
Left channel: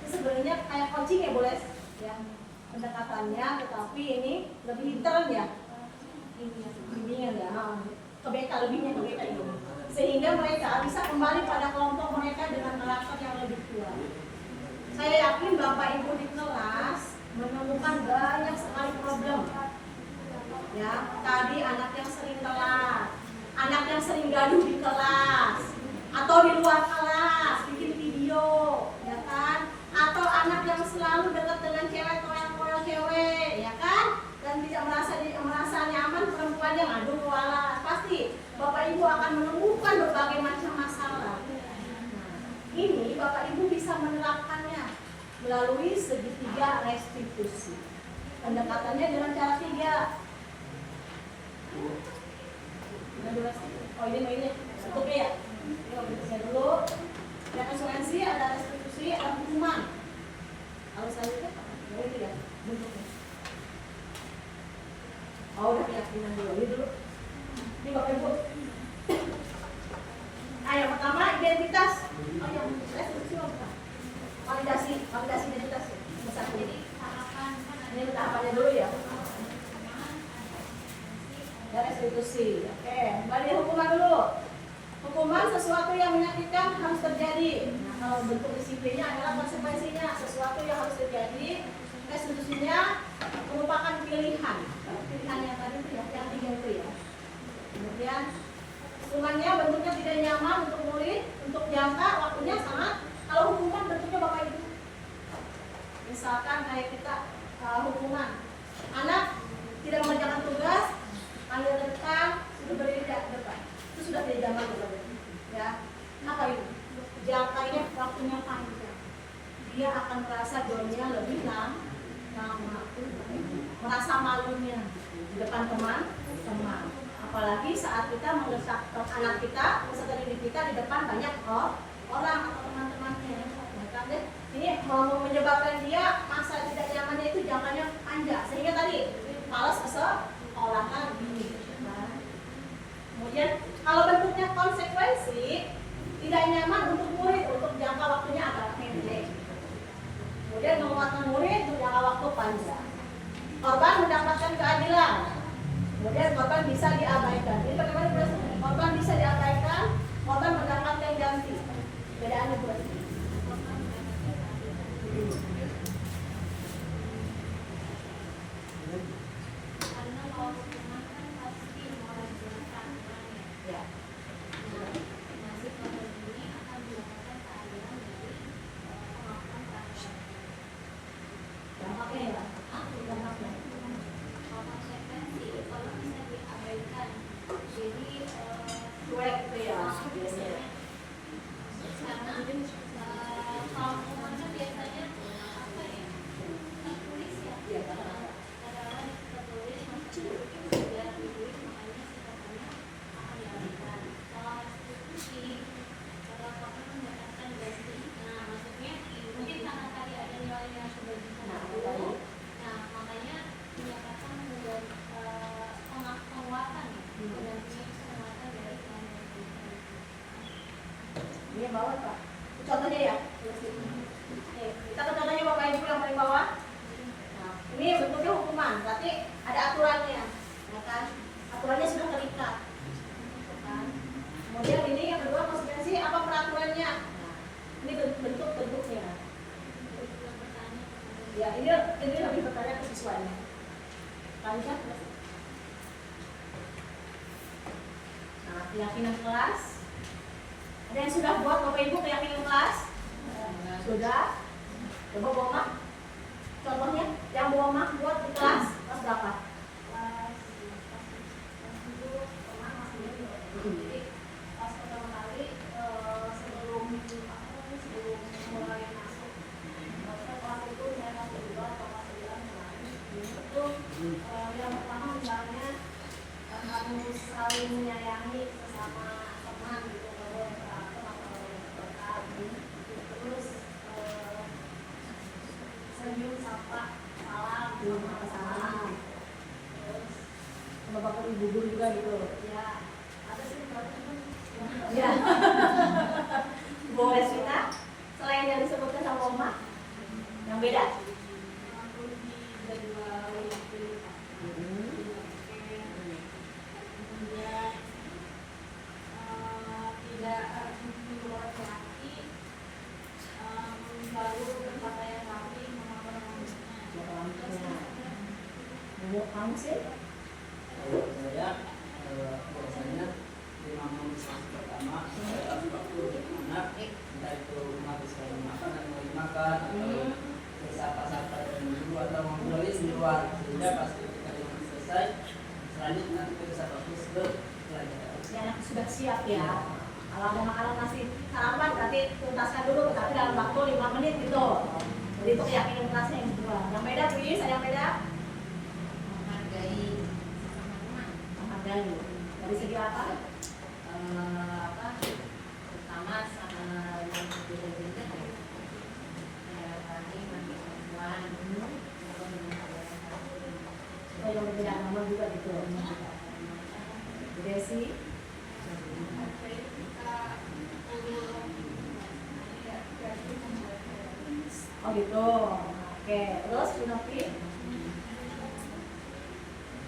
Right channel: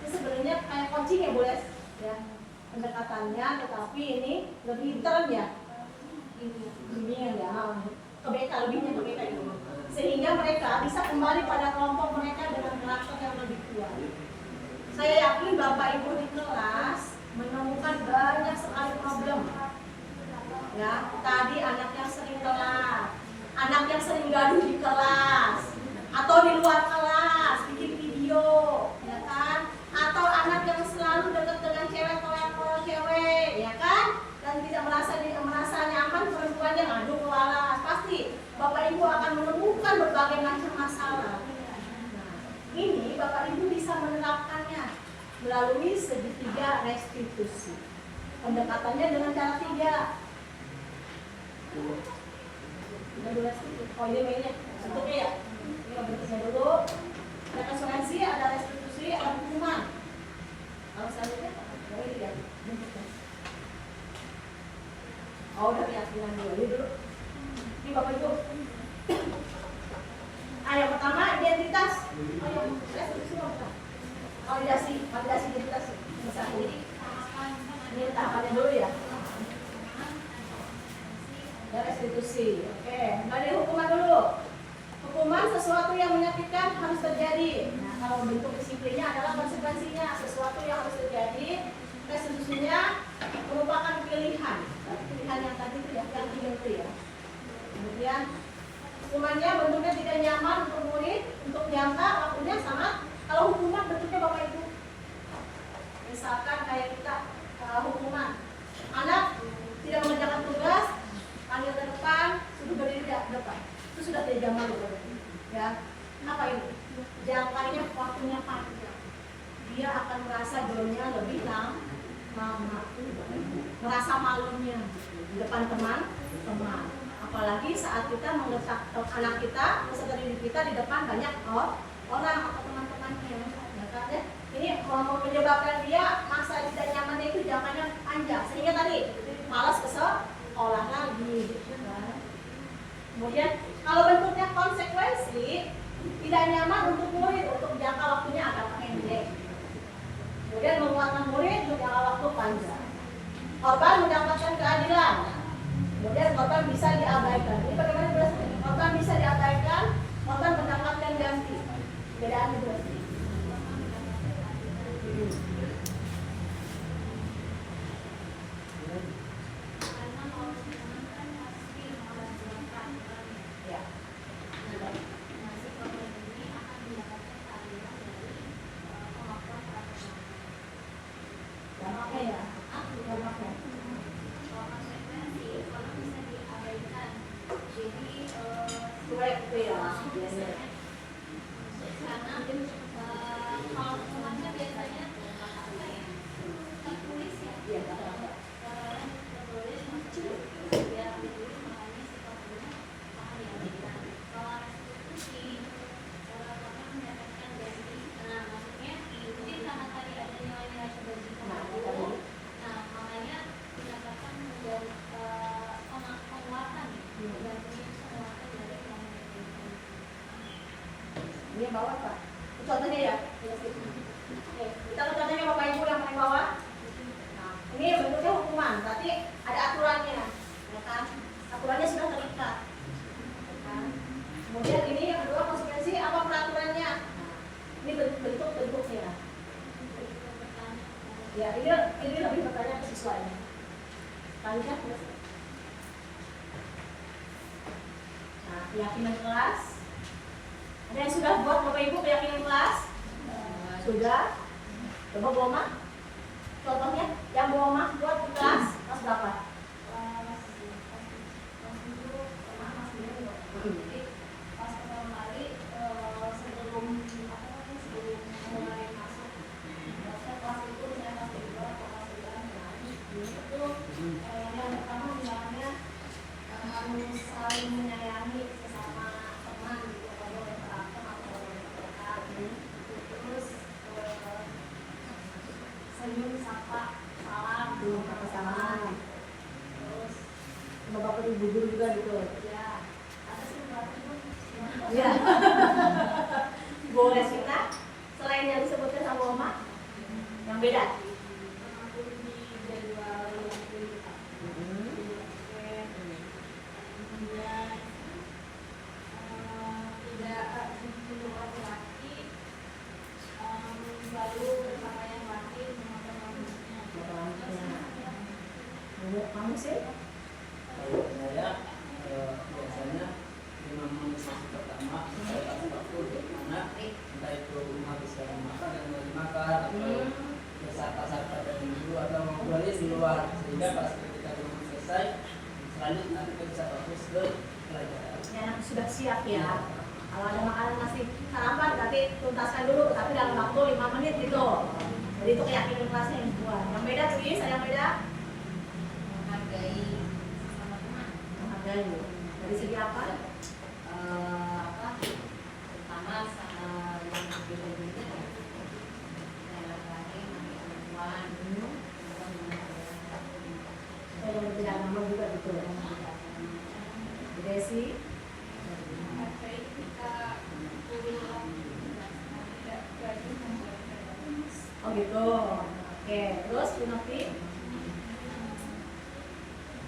Ini sebenarnya kayak coaching ya, boleh? Ya, pendekatannya, tetapi ini lebih intern ya. Bimbingan ya, lebihnya ke BK itu. Sehingga mereka bisa kembali pada kelompok mereka dengan karakter yang lebih kuat. Saya yakin Bapak Ibu di kelas menemukan banyak sekali problem. Ya, tadi anak yang sering telat, anak yang sering gaduh di kelas, atau di luar kelas bikin video, ya kan? Atau anak yang selalu dekat dengan cewek, toyol cewek, ya kan? Dan tidak merasa nyaman perempuan yang ngadu ke walas. Pasti Bapak Ibu akan menemukan berbagai macam masalah. Nah, ini Bapak Ibu bisa menerapkannya melalui segitiga restitusi. Pendekatannya dengan cara 3. Oh, ini mainnya bentuknya ya. Ini bentuknya dulu. Ada konsekuensi, ada restitusi, ada hukuman. Kalau selanjutnya, ini tidak bentuknya. Oh, udah keyakinan dulu. Ini dulu. Ini Bapak Ibu. Yang pertama identitas. Oh, yang restitusi apa? Validasi identitas. Satu. Ini tahapannya dulu ya. Restitusi. Oke, dari hukuman dulu. Hukuman sesuatu yang menyakitkan harus terjadi. Nah, kalau bentuk disiplinnya adalah konsekuensinya, sesuatu yang harus terjadi. Restitusinya merupakan pilihan. Pilihan yang tadi itu ya, yang 3 itu ya. Kemudian hukumannya bentuknya tidak nyaman untuk murid, untuk jangka waktunya sama. Kalau hukuman bentuknya Bapak Ibu. Misalkan kayak kita hukuman anak tidak mengerjakan tugas, panggil ke depan, sudah berdiri di depan. Itu sudah tidak zaman ya. Apa itu? Jangkanya waktunya panjang. Dia akan merasa doanya lebih lama. merasa malunya di depan teman-teman. Apalagi saat kita menggerak anak kita, peserta didik kita di depan banyak orang atau teman-temannya, ya kan deh. Ini menyebabkan dia masa tidak nyamannya itu jangkanya panjang, sehingga tadi malas ke sekolah lagi. Gitu kan. Kemudian kalau bentuknya konsekuensi, tidak nyaman untuk murid untuk jangka waktunya agak pendek. Kemudian menguatkan murid untuk jangka waktu panjang. Korban mendapatkan keadilan. Kemudian korban bisa diabaikan. Jadi bagaimana jelasnya? Korban bisa diabaikan, korban mendapatkan ganti. Bedaannya berarti. Ya. Dampaknya ya. Dampaknya. Cuek itu ya. Biasanya. Iya, kata-kata. Ini yang bawah Pak. Contohnya ya. Oke, kita ke contohnya Bapak Ibu yang paling bawah. Nah, ini bentuknya hukuman, berarti ada aturannya, ya kan? Aturannya sudah terikat. Ya kan? Kemudian ini yang kedua konsekuensi apa peraturannya? Nah, ini bentuknya. Ya, ini lebih bertanya ke siswanya. Lanjut. Nah, keyakinan kelas. Ada yang sudah buat Bapak Ibu keyakinan kelas? Sudah? Coba Bu Oma. Contohnya, yang Bu Oma buat di kelas berapa? Jadi pas pertama kali sebelum mulai masuk kelas itu saya kelas 2 atau kelas 3 itu yang pertama bilangnya harus saling menyayangi sesama teman gitu, kalau yang terakhir atau yang terakhir terus senyum sapa salam Salam. terus Sama Bapak Ibu guru juga gitu. ya ada sih Iya. Boleh kita selain yang disebutkan sama Oma, yang beda. Menurut kamu sih? Kalau saya biasanya 5 menit sesi pertama saya kasih waktu untuk anak, entah itu menghabiskan makan dan makan atau bersapa-sapa dengan guru atau ngobrolin di luar, sehingga pas ketika dia selesai selanjutnya nanti kita bisa fokus ke pelajaran. Ya, anak sudah siap ya. Kalau ada makanan masih sarapan, berarti tuntaskan dulu, tapi dalam waktu 5 menit gitu. Jadi itu keyakinan kelasnya yang kedua. Yang beda tuh, saya yang beda Menghargai sama teman. menghargai. Dari segi apa? Pertama sama yang berbeda-beda ya. Kayak tadi masih perempuan, Oh, yang berbeda agama juga gitu. Beda sih. Oh gitu. Oke, terus Pinopi?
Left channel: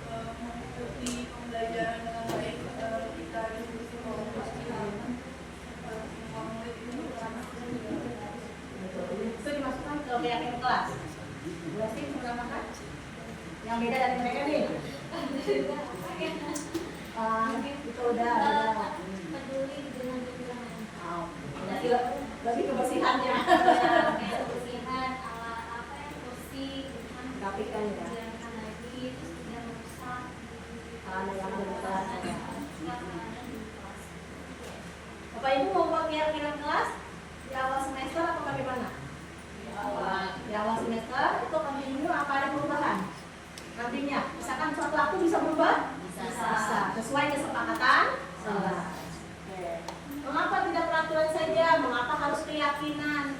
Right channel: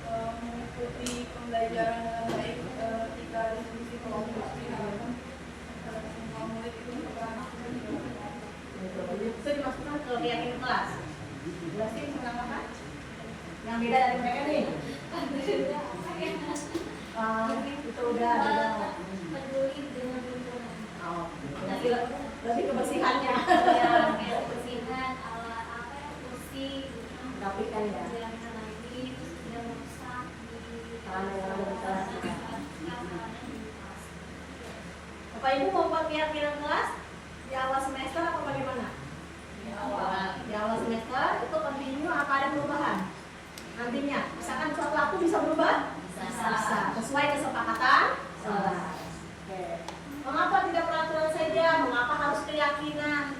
Mengikuti pembelajaran dengan baik ketika diskusi kelompok semua murid itu beranak Itu dimasukkan ke keyakinan kelas. Udah sih menambahkan? Yang beda dari mereka nih? Itu udah ada. peduli dengan lingkungan. Oh, lebih kebersihannya. Ya, kebersihan alat apa ya, kursi, Rapikan ya. jangan lagi terus tidak rusak Sarana yang ada di kelas juga. sarana di kelas. Bapak Ibu mau buat keyakinan kelas di awal semester apa bagaimana? awal Di awal semester itu continue apa ada perubahan? nantinya. Misalkan suatu waktu bisa berubah? Bisa. Sesuai kesepakatan kelas. Oke. Mengapa tidak peraturan saja? Mengapa harus keyakinan?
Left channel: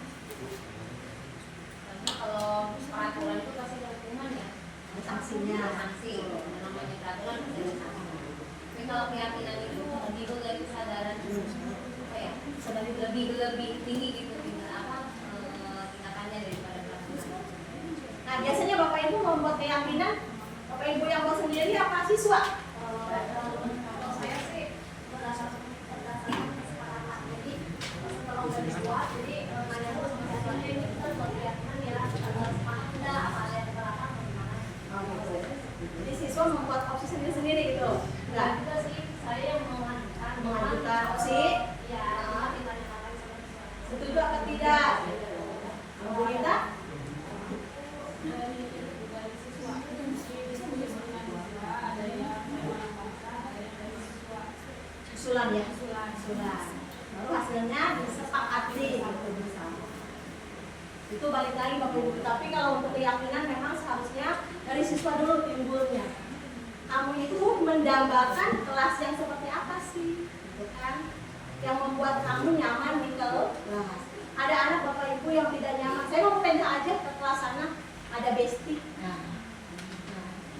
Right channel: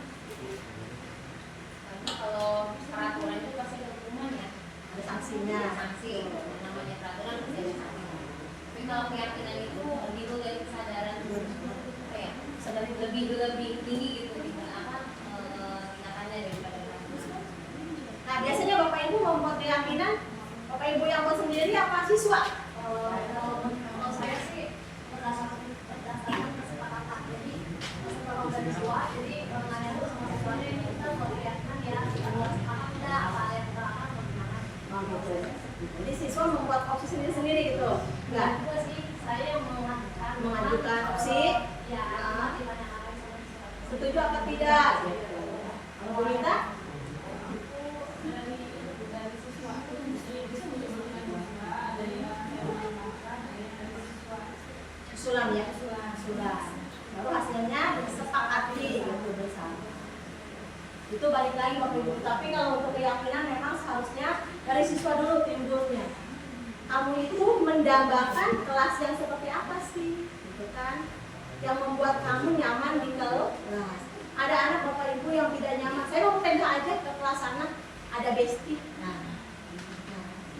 Karena kalau peraturan itu pasti ada hukuman ya, Ada sanksinya. sanksi. Yang namanya peraturan bisa disamakan. Tapi kalau keyakinan itu timbul dari kesadaran apa ya? Sedang Lebih tinggi gitu tindakannya daripada peraturan. Nah, biasanya Bapak Ibu membuat keyakinan, Bapak Ibu yang buat sendiri apa siswa? Kalau saya sih berdasarkan kesepakatan. Jadi kalau dari siswa, jadi nanya dulu sama siswanya ini kita buat keyakinan ya, kita buat semangat enggak, apa ada yang keberatan atau gimana? Oh, gitu. Jadi siswa membuat opsi sendiri-sendiri gitu? Enggak? Juga sih, saya yang Mengajukan opsi? Ya, ditanyakan sama siswa. Setuju apa tidak? Kalau Bu Lita? Dari siswa bisa menunjukkan juga ada yang mengamalkan, ada yang dari siswa. Usulan ya? Usulan. Baru hasilnya disepakati gitu bersama. Itu balik lagi Bapak Ibu. Tapi kalau untuk keyakinan memang seharusnya dari siswa dulu timbulnya. Kamu itu mendambakan kelas yang seperti apa sih? Gitu kan? Yang membuat kamu nyaman di kelas. Ada anak Bapak Ibu yang tidak nyaman. Saya mau pindah aja ke kelas sana, ada bestie. Nah,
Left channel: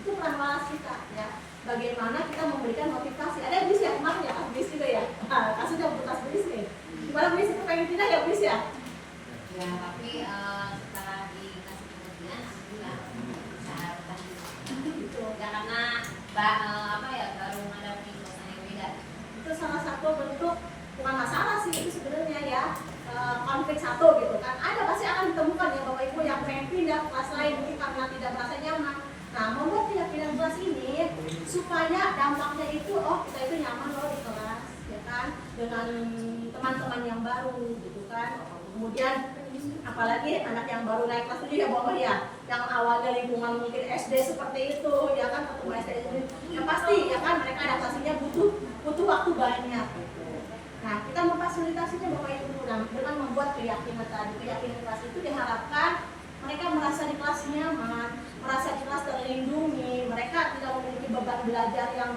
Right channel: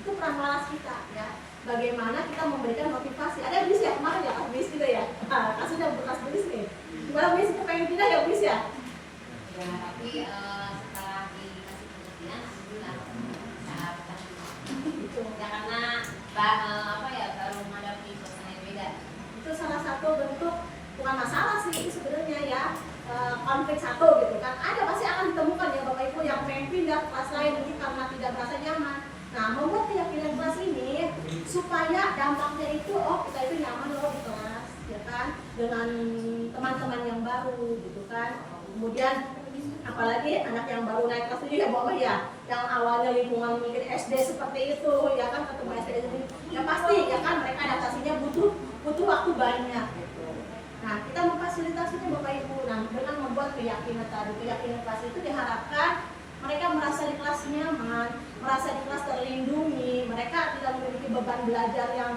itu peran walas kita ya. Bagaimana kita memberikan motivasi. Ada bis ya kemarin ya, pas bis juga ya. Kasusnya bekas bis nih. Gimana bis itu pengen pindah ya bis ya? Ya, tapi setelah dikasih pengertian, alhamdulillah bisa bertahan. Gitu. Ya karena apa ya baru menghadapi suasana yang beda. Itu salah satu bentuk bukan masalah sih itu sebenarnya ya, konflik satu gitu kan. Ada pasti akan ditemukan ya Bapak Ibu yang pengen pindah ke kelas lain mungkin karena tidak merasa nyaman. Nah, membuat keyakinan kelas ini supaya dampaknya itu kita itu nyaman loh di kelas ya kan, dengan teman-teman yang baru gitu kan. Kemudian apalagi anak yang baru naik kelas 7 ya Bapak ya, yang awalnya lingkungan mungkin SD seperti itu ya kan, ketemu SD itu ya pasti ya kan mereka adaptasinya butuh waktu banyak gitu. Nah, kita memfasilitasinya Bapak Ibu dengan membuat keyakinan tadi. Keyakinan kelas itu diharapkan mereka merasa di kelas nyaman, merasa di kelas terlindungi, mereka tidak memiliki beban belajar yang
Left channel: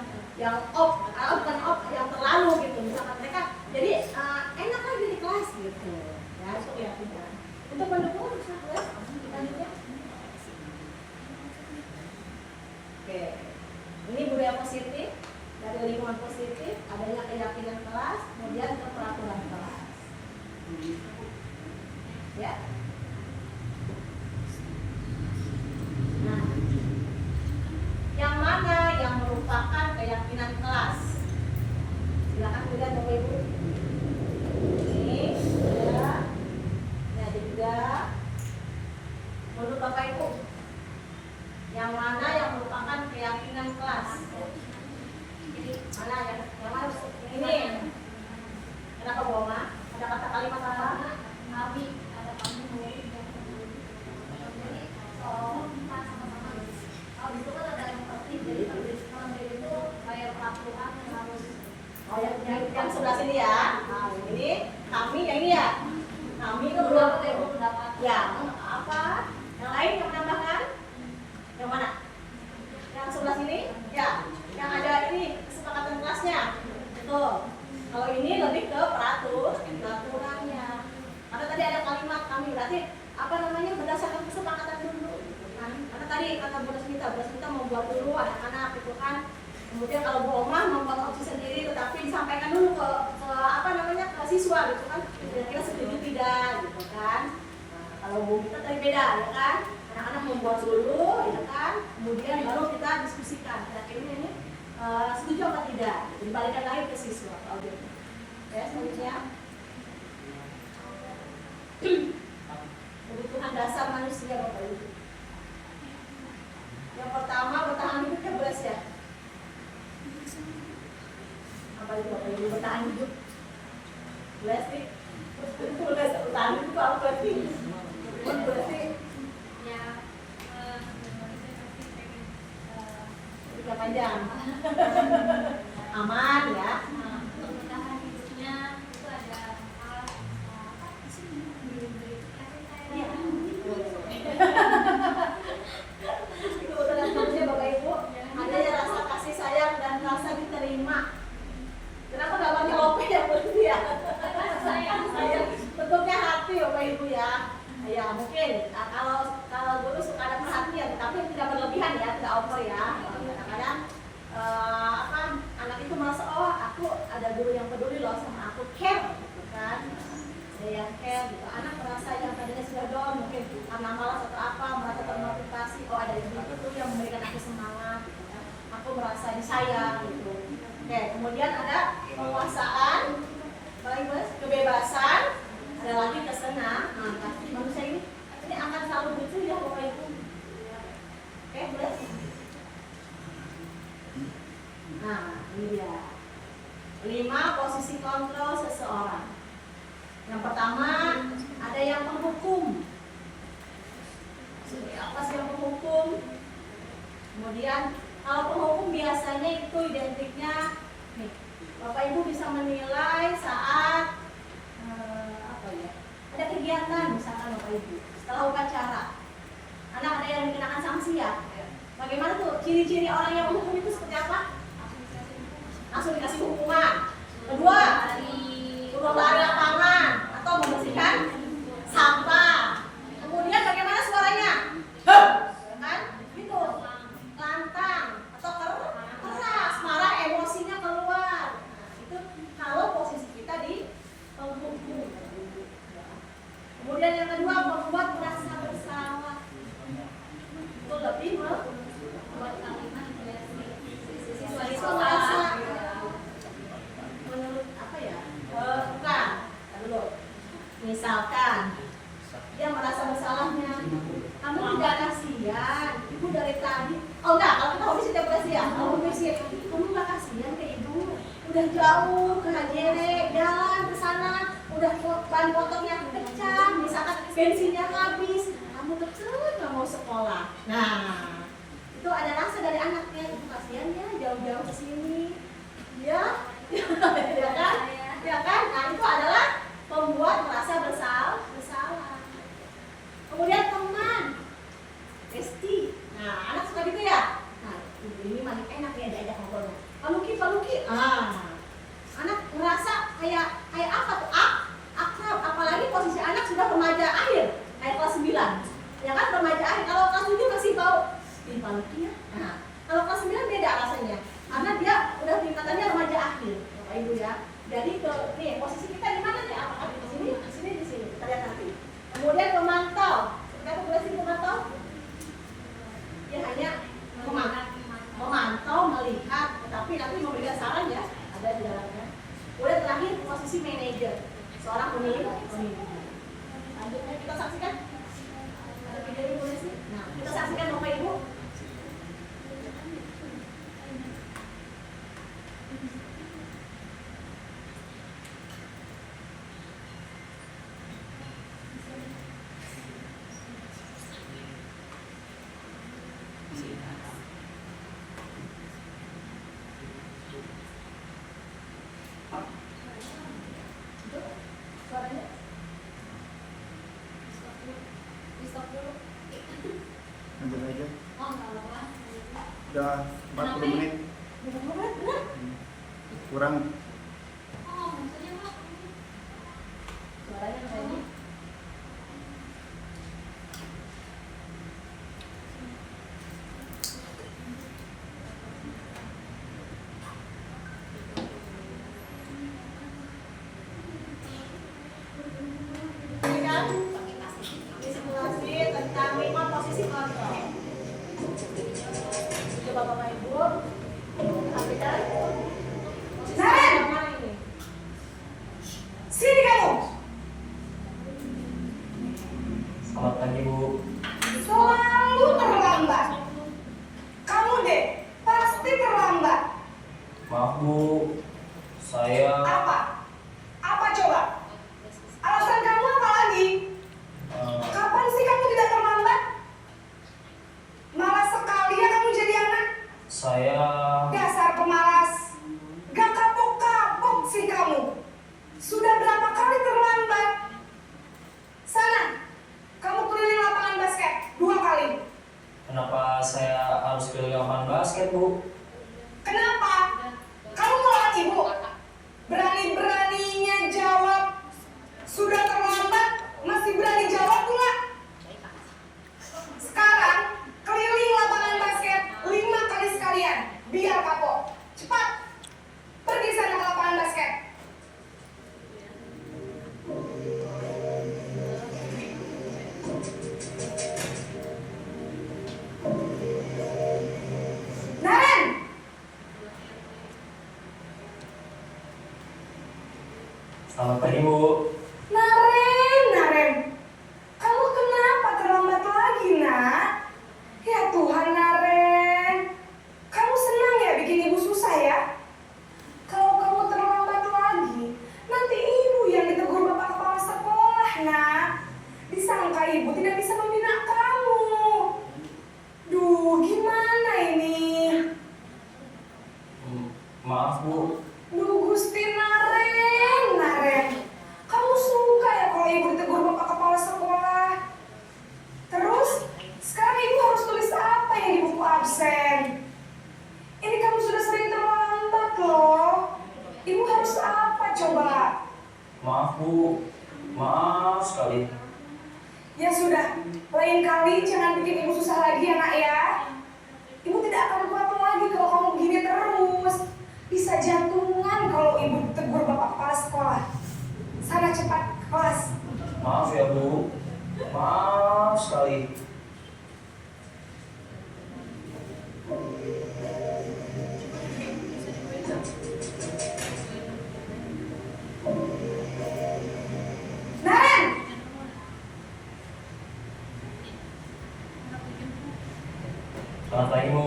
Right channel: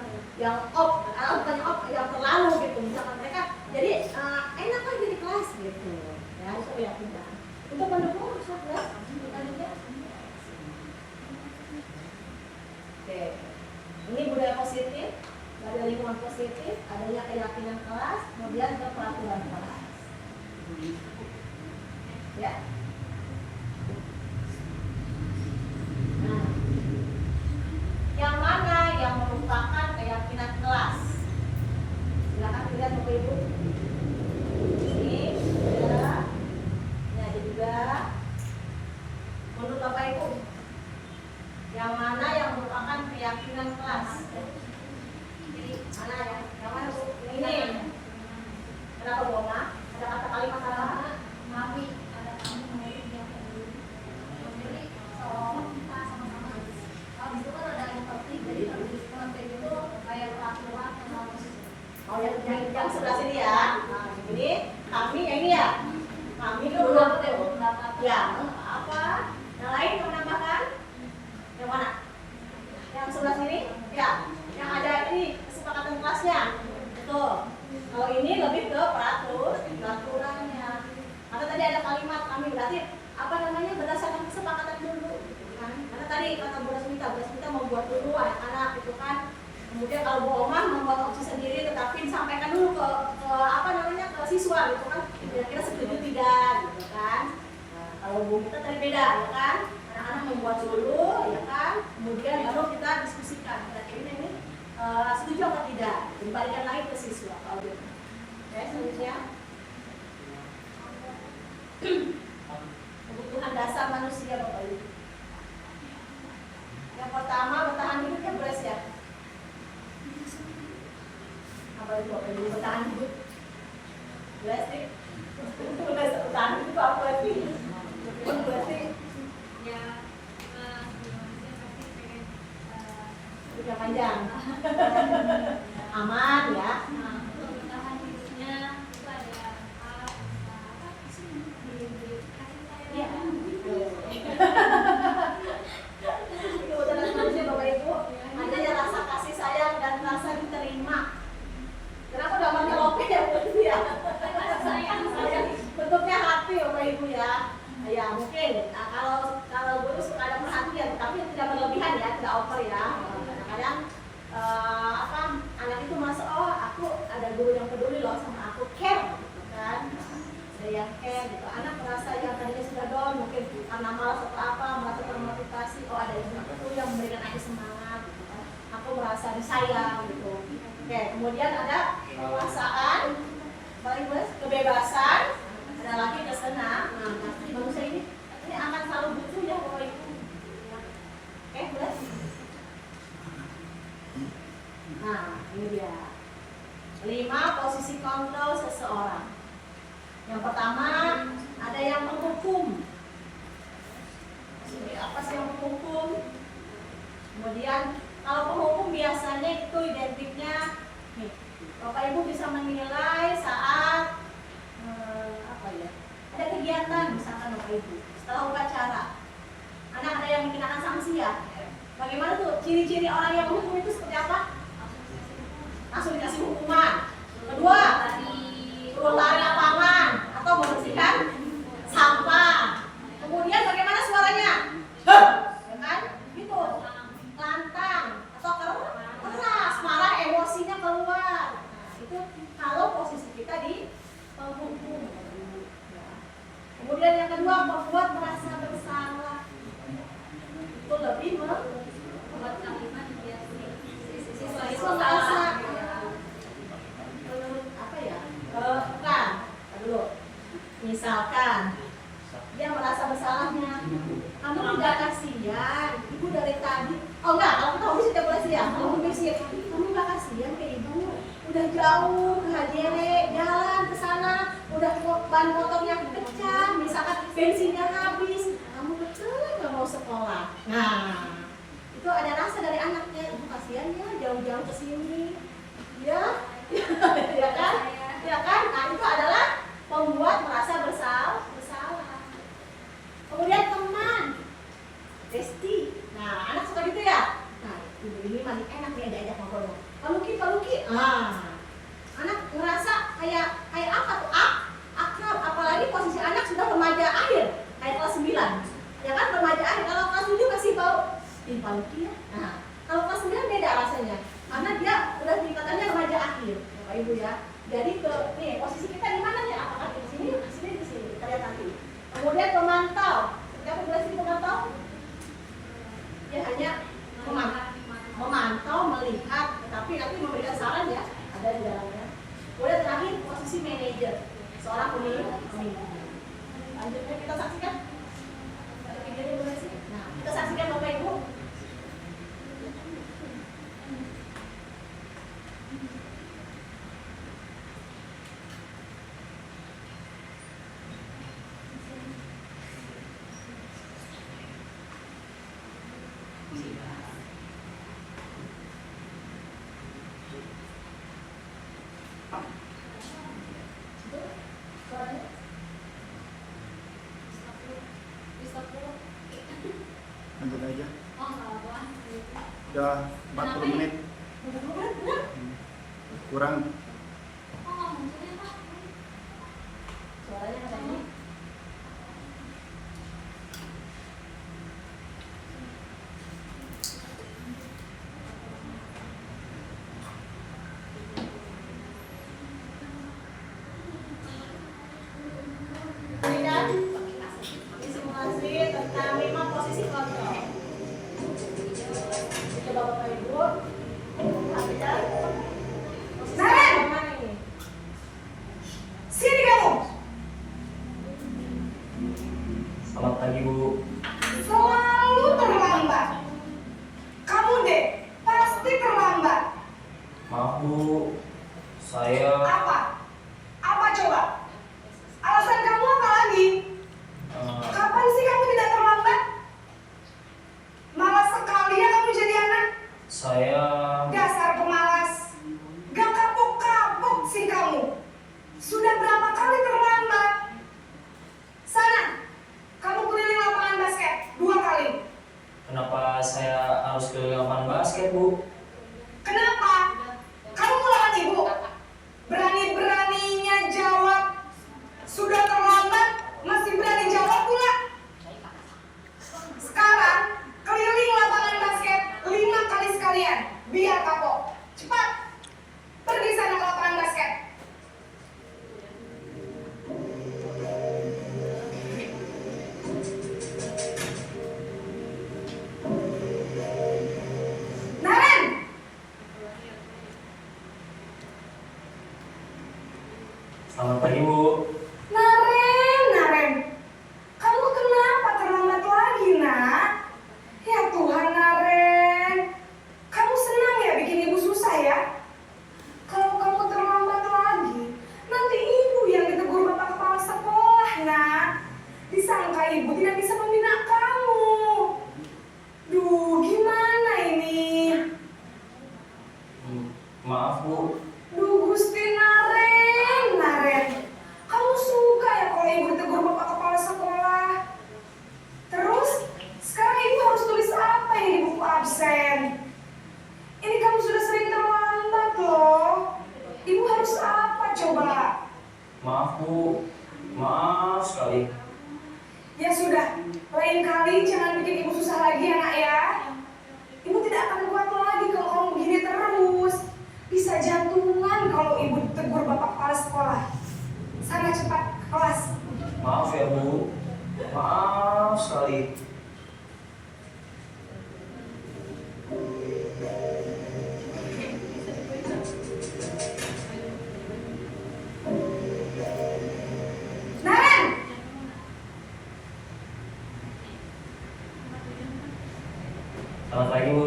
terlalu gitu. Misalkan mereka jadi enak lagi di kelas gitu. Ya, itu keyakinan. Untuk mendukung kelas kita juga. Oke. Ini budaya positif, dari lingkungan positif, adanya keyakinan kelas, kemudian ke peraturan kelas. Ya. Nah, yang mana yang merupakan keyakinan kelas? Silakan dilihat Bapak Ibu. Ini ya. Ini ada juga. Menurut Bapak Ibu, yang mana yang merupakan keyakinan kelas? Jadi mana yang mana? Ini. Kenapa Bu Oma? Ada kata kalimat apa? Kami ada kami mungkin yang kedua. Jadi seolah kita sama-sama. Kalau itu kan ada yang penting jadi nanti itu kayak peraturan yang harus. Oh yang sebelah sini ya. Nah, ini kami yang ini ya. Kami Itu belum belum dapat. Ya, apa? Yang lain yang menambahkan? Yang mana? Yang sebelah sini? Ya. Yang ada ini kesepakatan kelasnya. Betul. Kalau ini lebih ke peraturannya. Karena tadi ada kalimat kami berarti apa namanya berdasarkan kesepakatan dulu, gitu kan? Karena tadi kata Bu Rasmita membuat dulu anak-anak gitu kan. Kemudian kalau Bu Oma membuat opsi sendiri, tetapi disampaikan dulu ke apa namanya ke siswa gitu kan. Kira-kira setuju tidak gitu kan. Nah, kalau Bu kita tadi beda ya kan. Anak-anak membuat dulu ya kan. Kemudian baru kita diskusikan. Kira-kira ini setuju apa tidak? Dibalikan lagi ke siswa kalau gitu. Ya, selanjutnya kebutuhan dasar manusia Bapak Ibu. Yang pertama bertahan hidup ya boleh ya. Apa itu Bapak Ibu bertahan hidup? Boleh sih. Bertahan hidup apa berarti? Berarti Ya, hidup panjang. Aman ya. untuk bertahan hidupnya itu ada alat apa sih Iya. Itu bertahan manusia Bapak tidak over ya. Kadang-kadang anak itu merasa oh aku ada guru yang peduli loh sama aku, care gitu kan. Ada yang care gitu. Anak merasa yang tadinya sudah down mungkin karena malas atau apa, merasa termotivasi, oh ada ibu itu yang memberikan aku semangat gitu kan. Aku merasa disayang gitu. Oke, kemudian ada penguasaan, kebebasan, ada lagi kesenangan. Nah, manusia ini akan selalu butuh ya Bapak Ibu. Oke, beres. Nah, ini dia 5 posisi kontrol seseorang. Yang pertama, ada yang menghukum. Apa sih yang menghukum? Kemudian, kalau penghukum biasanya itu identiknya nih, Bapak Ibu bisa menilai saat ada kegiatan misalkan Bapak Ibu setelah upacara, anak ada yang dikenakan sanksi ya. Bagaimana tuh ciri-ciri orang yang menghukum itu seperti apa? Langsung dikasih hukuman. Kedua, turun lari lapangan atau membersihkan sampah. Kemudian bagaimana suaranya? Heh, ya kan? Gitu. Lantang atau keras, marah, emosinya keluar. Nah, itu kalau posisi kita di penghukum. Kemudian yang kedua, membuat merasa bersalah. Itu lebih membuat kalimat itu merasa menurut apa ya? Bukan. Dulu. Misalkan dia merasa bersalahnya, kamu tidak kasihan, ibu dari tadi. Oh enggak, kalau kita hobi setiap bulan ya, kalau hobi sih, kamu nggak kasihan ke ibu, udah jauh ke HJW, jalan ke sana, udah ban motornya pecah, misalkan bensinnya habis, kamu betul nggak mau sekolah. Nah, itu ada rasa dari anaknya, ibu kasihan ya jauh-jauh ke sini, ya, ya kan, ya kan. Nah itu adalah membuat merasa bersalah. Kemudian teman, besti. Nah, anak suka gitu ya. Nah, ibu ini makin enak nih diajak ngobrolnya. Paluki. Anak ngerasa kayak apa tuh? Akrab. Apalagi posisi anak sudah remaja akhir, kayak kelas 9. Ya kan remaja akhir. Kalau kelas 7 masih bau paluki ya. Nah, kalau kelas 9 beda rasanya. Karena dia udah tingkatannya remaja akhir, Bapak Ibu ya. Jadi nih posisi kita di mana nih? Apakah di sini? Di sini. Kita lihat nanti. Kemudian pemantau. Kita boleh sih pemantau? Ya hanya memantau, melihat, tetapi nanti memberikan saran ya, ada di dalamnya. Kemudian terakhir posisi manajer, seorang pemimpin. Lanjutnya kita saksikan. Ada videonya boleh sih? Nah, kita saksikan Bapak Ibu. Lanjut aja. Oh, nggak apa. Udah 40 menit. Kurang. Oh, maksudnya Pak. Suaranya kayak ini. Simulasi tentang 5 posisi kontrol. Coba Bapak Ibu perhatikan posisi kontrol ini. Sini kamu. Selamat pagi Bu. Selalu terlambat. Kamu deh pasti terlambat. Maaf Bu, saya Apa? Apa coba? Alasan kamu apa lagi? Kapan sih kamu tidak terlambat? Malas sekali ya kamu jadi anak. saya Dasar pemalas. Gak kapok-kapok sih kamu. Sudah berapa kali terlambat? Sana, kamu keliling lapangan basket 2 kali. kenapa saya harus keliling lapangan basket Bu? Kenapa? Kamu melawan ibu? Berani-beraninya jawab. Sudah terlambat, masih berani jawab pula. Sekarang, keliling lapangan basket Bu, maaf sekali. Ya sudah, lain kali jangan bikin ibu susah lagi ya nak ya. Ibu tidak akan kuat lagi kalau kamu begini terus. Bisa jantungan kalau ibu tegur bapak kepala sekolah. Sana cepat ke kelas. Maaf ya Bu, maaf sekali. Naren! Selamat pagi Bu.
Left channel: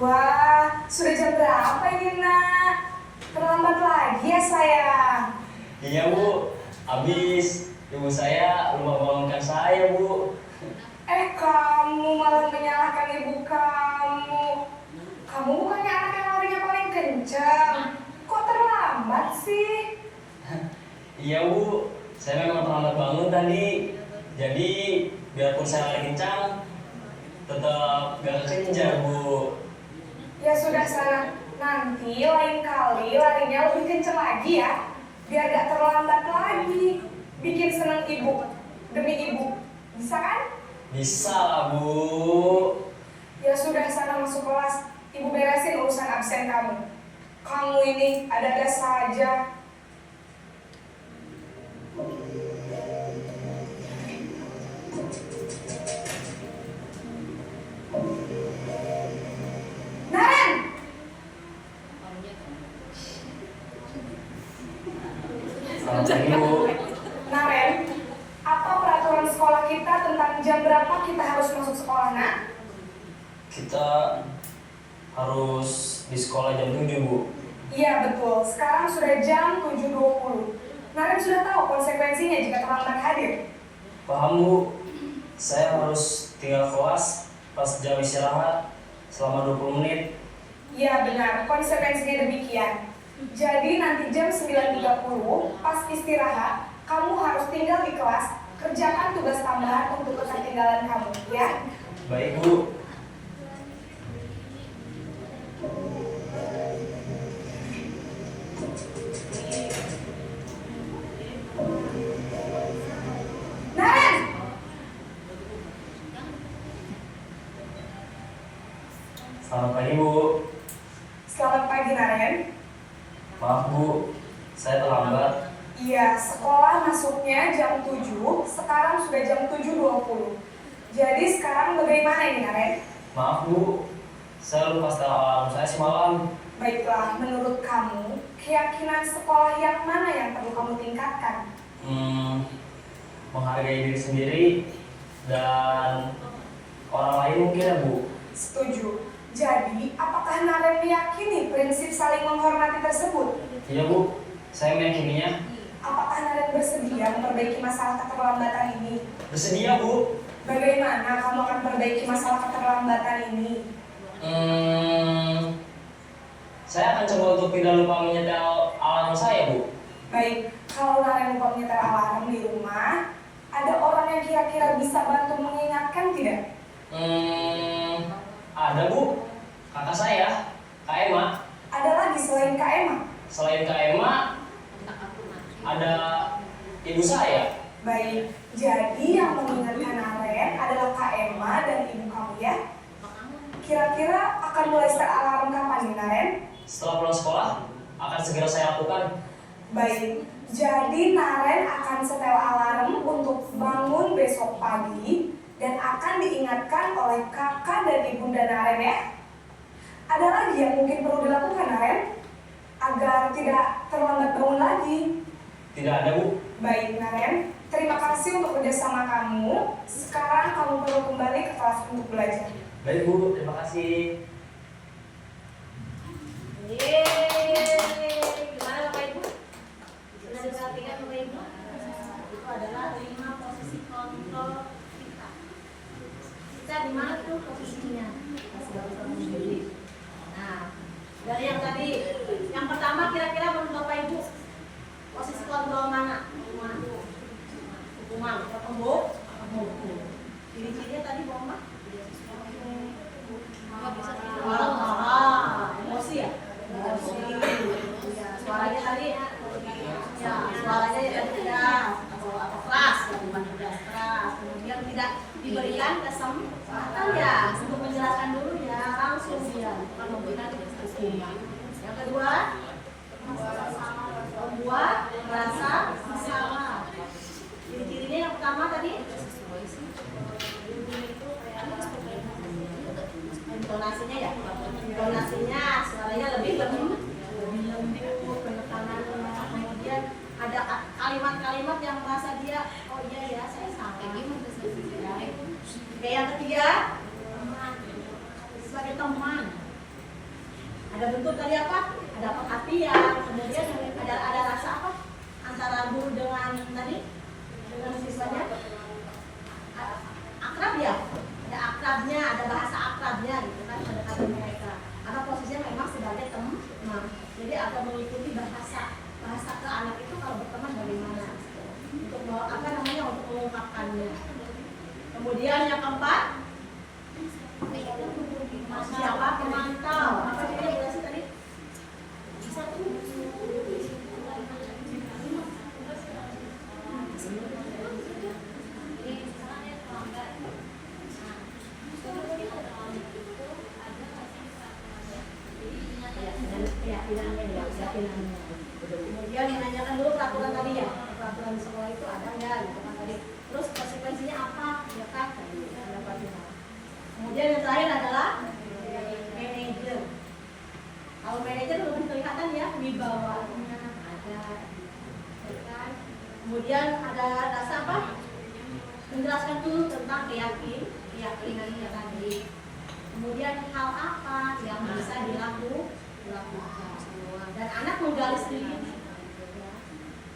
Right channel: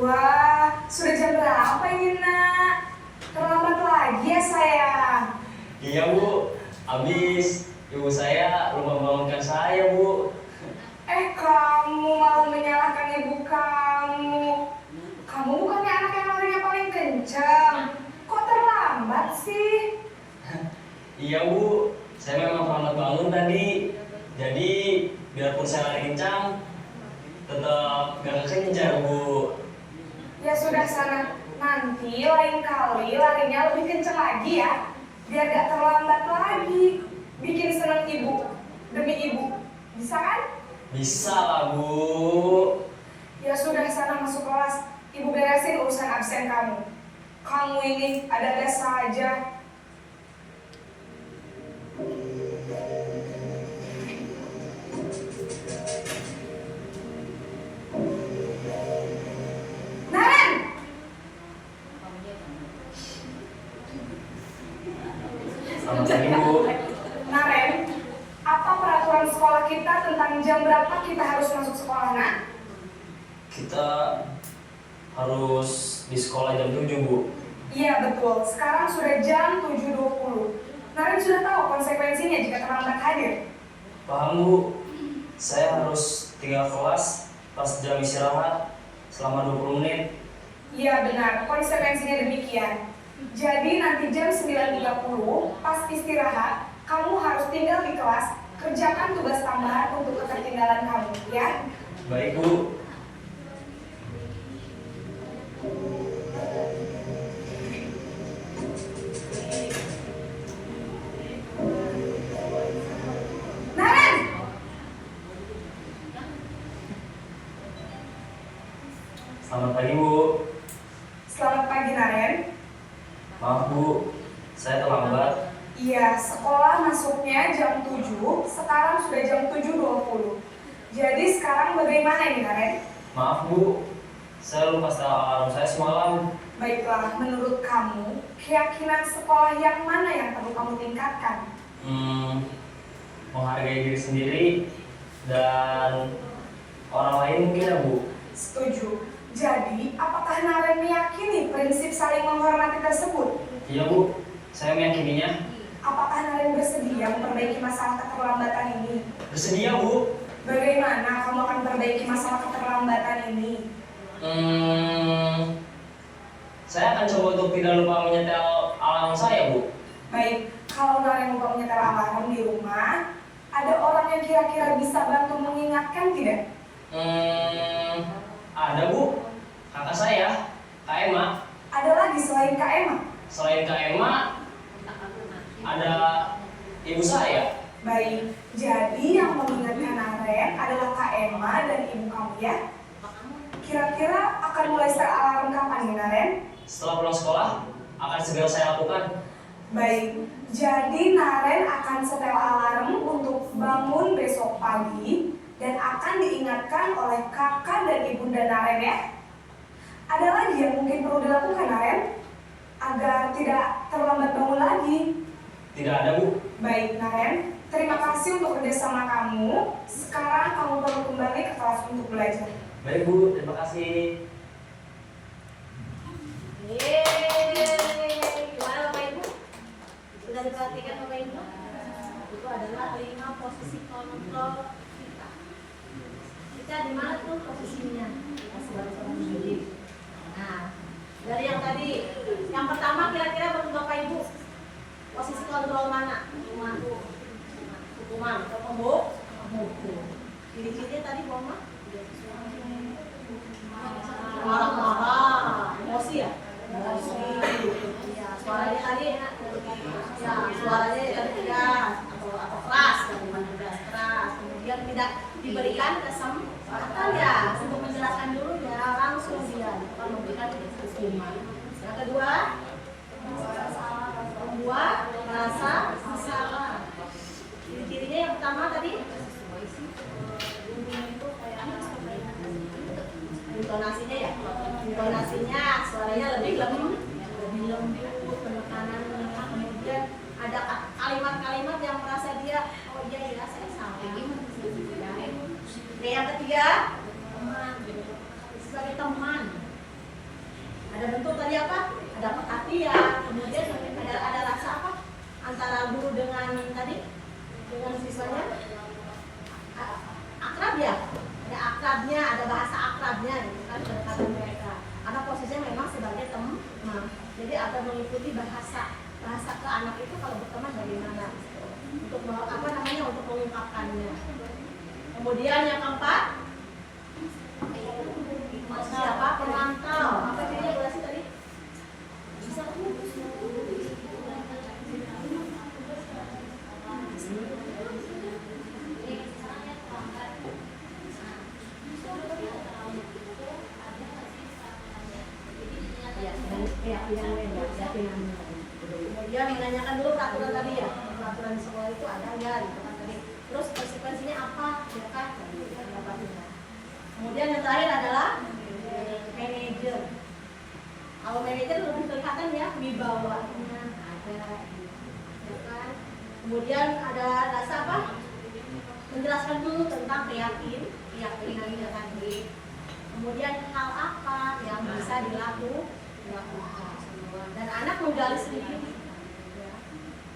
Wah, sudah jam berapa ini nak? Terlambat lagi ya sayang. Iya Bu, habis ibu saya lupa bangunkan saya Bu. Kamu malah menyalahkan ibu kamu. Kamu bukannya anak yang larinya paling kencang. Kok terlambat sih? Iya Bu, saya memang terlambat bangun tadi. Jadi biarpun saya lari kencang, tetap gak kekejar Bu. Ya sudah sana. Nanti lain kali larinya lebih kencang lagi ya. Biar gak terlambat lagi. Bikin senang ibu. Demi ibu. Bisa kan? Bisa lah Bu. Ya sudah sana masuk kelas. Ibu beresin urusan absen kamu. Kamu ini ada-ada saja. Naren! Selamat pagi Bu. Naren, apa peraturan sekolah kita tentang jam berapa kita harus masuk sekolah, nak? Kita harus di sekolah jam 7 Bu. Iya betul, sekarang sudah jam 7.20. Naren sudah tahu konsekuensinya jika terlambat hadir. Paham Bu, saya harus tinggal kelas pas jam istirahat selama 20 menit. Iya benar, konsekuensinya demikian. Jadi nanti jam 9.30 pas istirahat, kamu harus tinggal di kelas, kerjakan tugas tambahan untuk ketertinggalan kamu, ya? Baik Bu. Naren! Selamat pagi Bu. Selamat pagi Naren. Maaf Bu, saya terlambat. Iya, sekolah masuknya jam 7, sekarang sudah jam 7.20. Jadi sekarang bagaimana ini Naren? Maaf Bu, saya lupa setel alarm saya semalam. Baiklah, menurut kamu, keyakinan sekolah yang mana yang perlu kamu tingkatkan? Menghargai diri sendiri dan orang lain mungkin ya Bu. Setuju. Jadi, apakah Naren meyakini prinsip saling menghormati tersebut? Iya Bu, saya meyakininya. Apakah Naren bersedia memperbaiki masalah keterlambatan ini? Bersedia Bu. Bagaimana kamu akan memperbaiki masalah keterlambatan ini? Saya akan coba untuk tidak lupa menyetel alarm saya Bu. Baik, kalau Naren lupa menyetel alarm di rumah, ada orang yang kira-kira bisa bantu mengingatkan tidak? Ada Bu, kakak saya, Kak Emma. Ada lagi selain Kak Emma? Selain Kak Emma, ada ibu saya. Baik, jadi yang mengingatkan Naren adalah Kak Emma dan ibu kamu ya? Kira-kira akan mulai start alarm kapan nih Naren? Setelah pulang sekolah, akan segera saya lakukan. Baik, jadi Naren akan setel alarm untuk bangun besok pagi dan akan diingatkan oleh kakak dan ibunda Naren ya. Ada lagi yang mungkin perlu dilakukan Naren agar tidak terlambat bangun lagi? Tidak ada Bu. Baik Naren, terima kasih untuk kerjasama kamu. Sekarang kamu perlu kembali ke kelas untuk belajar. Baik Bu, terima kasih. Gimana Bapak Ibu? Sudah diperhatikan Bapak Ibu? Itu adalah 5 posisi kontrol kita. Kita di mana tuh posisinya? Kita sebagai sendiri. Nah, dari yang tadi, yang pertama kira-kira menurut Bapak Ibu posisi kontrol mana? Hukuman, hukum. Ciri-cirinya tadi Bu Mama? Marah-marah, emosi ya? Emosi. Ya, suaranya tadi ya, suaranya kewajiban, bukan memberikan hukuman. Yang kedua, membuat rasa bersalah. Ciri-cirinya yang pertama tadi, intonasinya ya, intonasinya suaranya lebih lembut, penekanannya, kemudian ada kalimat-kalimat yang merasa dia, oh iya ya saya salah. Yang ketiga, sebagai teman. Ada bentuk tadi apa? Ada perhatian, kemudian ada rasa apa? Antara guru dengan siswanya akrab ya, ada akrabnya, ada bahasa akrabnya gitu kan kedekatan mereka. Karena posisinya memang sebagai teman, jadi atau mengikuti bahasa ke anak itu kalau berteman bagaimana untuk untuk mengungkapkannya. Kemudian yang keempat, siapa pemantau? Apa cirinya Bu Lasi tadi? Kemudian menanyakan dulu peraturan tadi ya, peraturan di sekolah itu ada nggak gitu kan tadi. Terus konsekuensinya apa, ya kan? Kemudian yang terakhir adalah manajer. Kalau manajer lebih kelihatan ya wibawanya ada, ya kan? Kemudian ada rasa apa? Menjelaskan dulu tentang keyakinannya tadi. Kemudian hal apa yang bisa dilakukan. Dan anak menggali sendiri.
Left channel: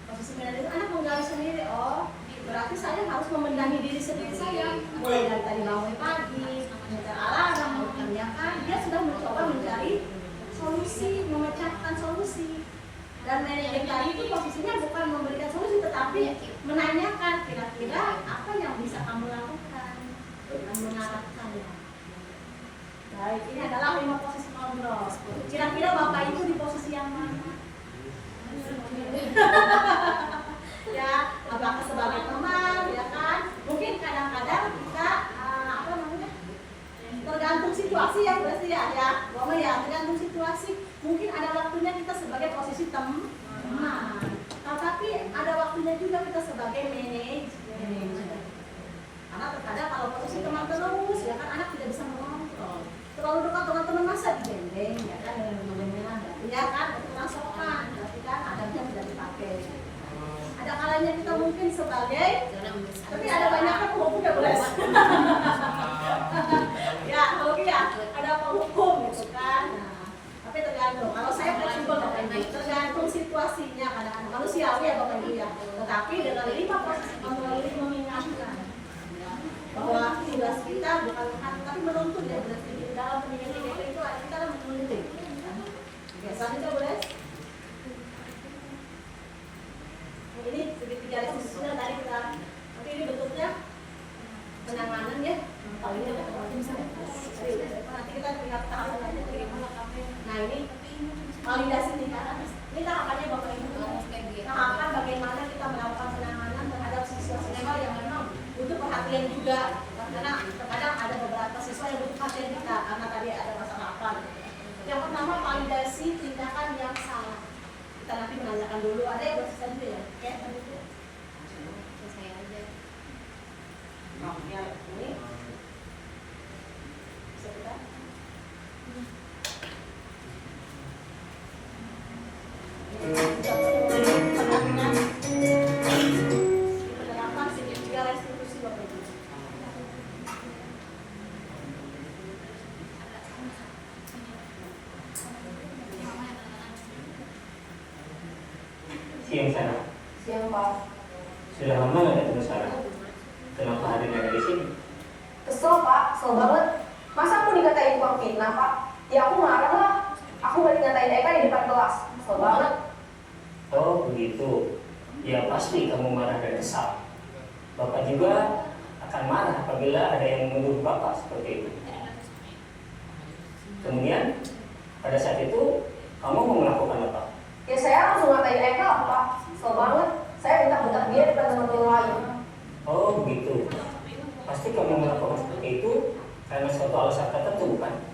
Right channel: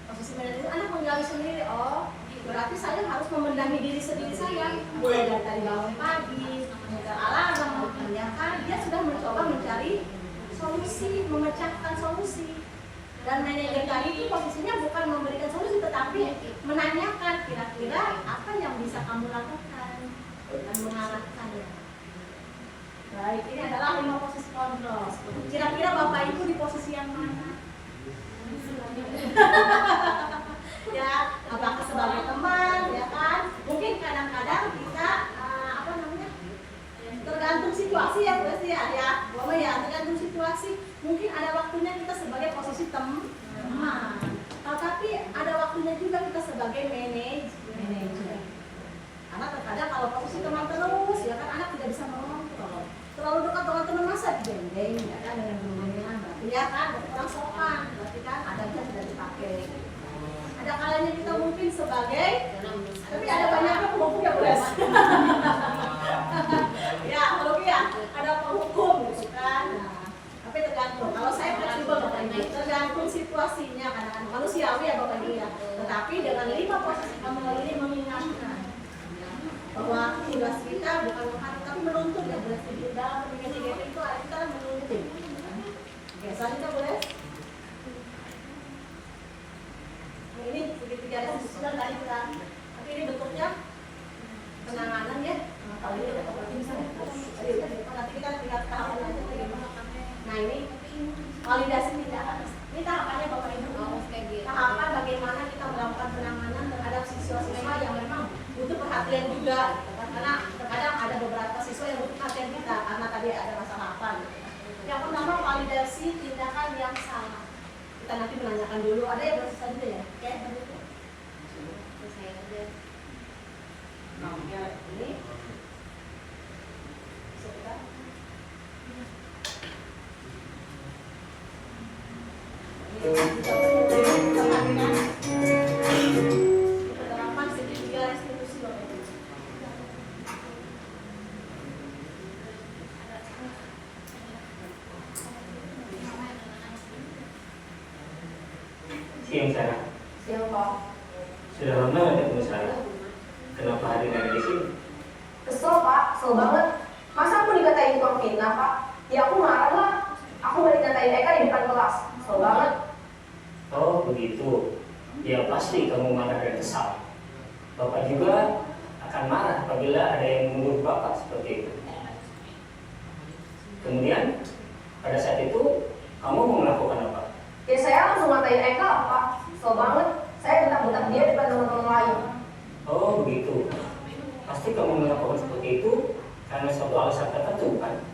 Posisi manajer itu anak menggali sendiri. Oh, berarti saya harus memenangi diri sendiri saya. Mulai dari tadi bangun pagi, menyetel alarm, ya kan? Dia sudah mencoba mencari solusi, memecahkan solusi. Dan manajer tadi itu posisinya bukan memberikan solusi, tetapi menanyakan kira-kira apa yang bisa kamu lakukan dan mengarahkannya. Baik, ini adalah 5 posisi kontrol. Kira-kira Bapak Ibu di posisi yang mana? Ya, apakah sebagai teman, ya kan? Mungkin kadang-kadang kita tergantung situasi ya, berarti ya, Bapak ya, tergantung situasi. Mungkin ada waktunya kita sebagai posisi teman, tapi ada waktunya juga kita sebagai manajer. Karena terkadang kalau posisi teman terus, ya kan anak tidak bisa mengontrol. Terlalu dekat dengan teman masa digendeng, ya kan dengan guru-gurunya, berarti ya kan kurang sopan, berarti kan adabnya tidak dipakai. Ada kalanya kita mungkin sebagai, tapi ada banyaknya penghukum ya boleh. Ya, kalau ya ada penghukum gitu kan. Nah, tapi tergantung. Kalau saya fleksibel Bapak Ibu, tergantung situasinya kadang-kadang manusiawi ya Bapak Ibu ya. Tetapi dengan 5 posisi kamu ini mengingatkan bahwa tugas kita bukan mengharap tapi menuntut ya berarti dalam pendidikan IDP itu kita menuntut. Oke, selanjutnya boleh. Ini segitiga sudah tadi kita, tapi ini bentuknya penanganan ya. Nanti kita lihat tahapan aja. Nah ini validasi tindakan. Ini tahapannya Bapak Ibu. Tahapan bagaimana kita melakukan penanganan terhadap siswa-siswa yang memang butuh perhatian juga. Karena terkadang ada beberapa siswa yang butuh perhatian kita karena tadi ada masalah apa. Yang pertama validasi tindakan yang salah. Kita nanti menanyakan dulu. Ada yang bersisa juga ya? Oke, terbuka. Saya aja. Oke, ini. Siang sana. Siang Pak. Sudah lama nggak ketemu saya? Kenapa hari ini ada di sini? Kesel Pak, kesel banget. Masa aku dikatain tukang fitnah Pak? Ya aku marah lah. Aku balik ngatain Eka di depan kelas. Kesel banget. Oh begitu. Ya pasti kamu marah dan kesal. Bapak juga akan marah apabila ada yang menuduh Bapak seperti itu. Kemudian pada saat itu kamu mau melakukan apa? Ya saya langsung ngatain Eka Pak. Kesel banget. Saya bentak-bentak dia di depan teman-teman lain. Oh begitu. Pasti kamu melakukan seperti itu karena suatu alasan tertentu kan?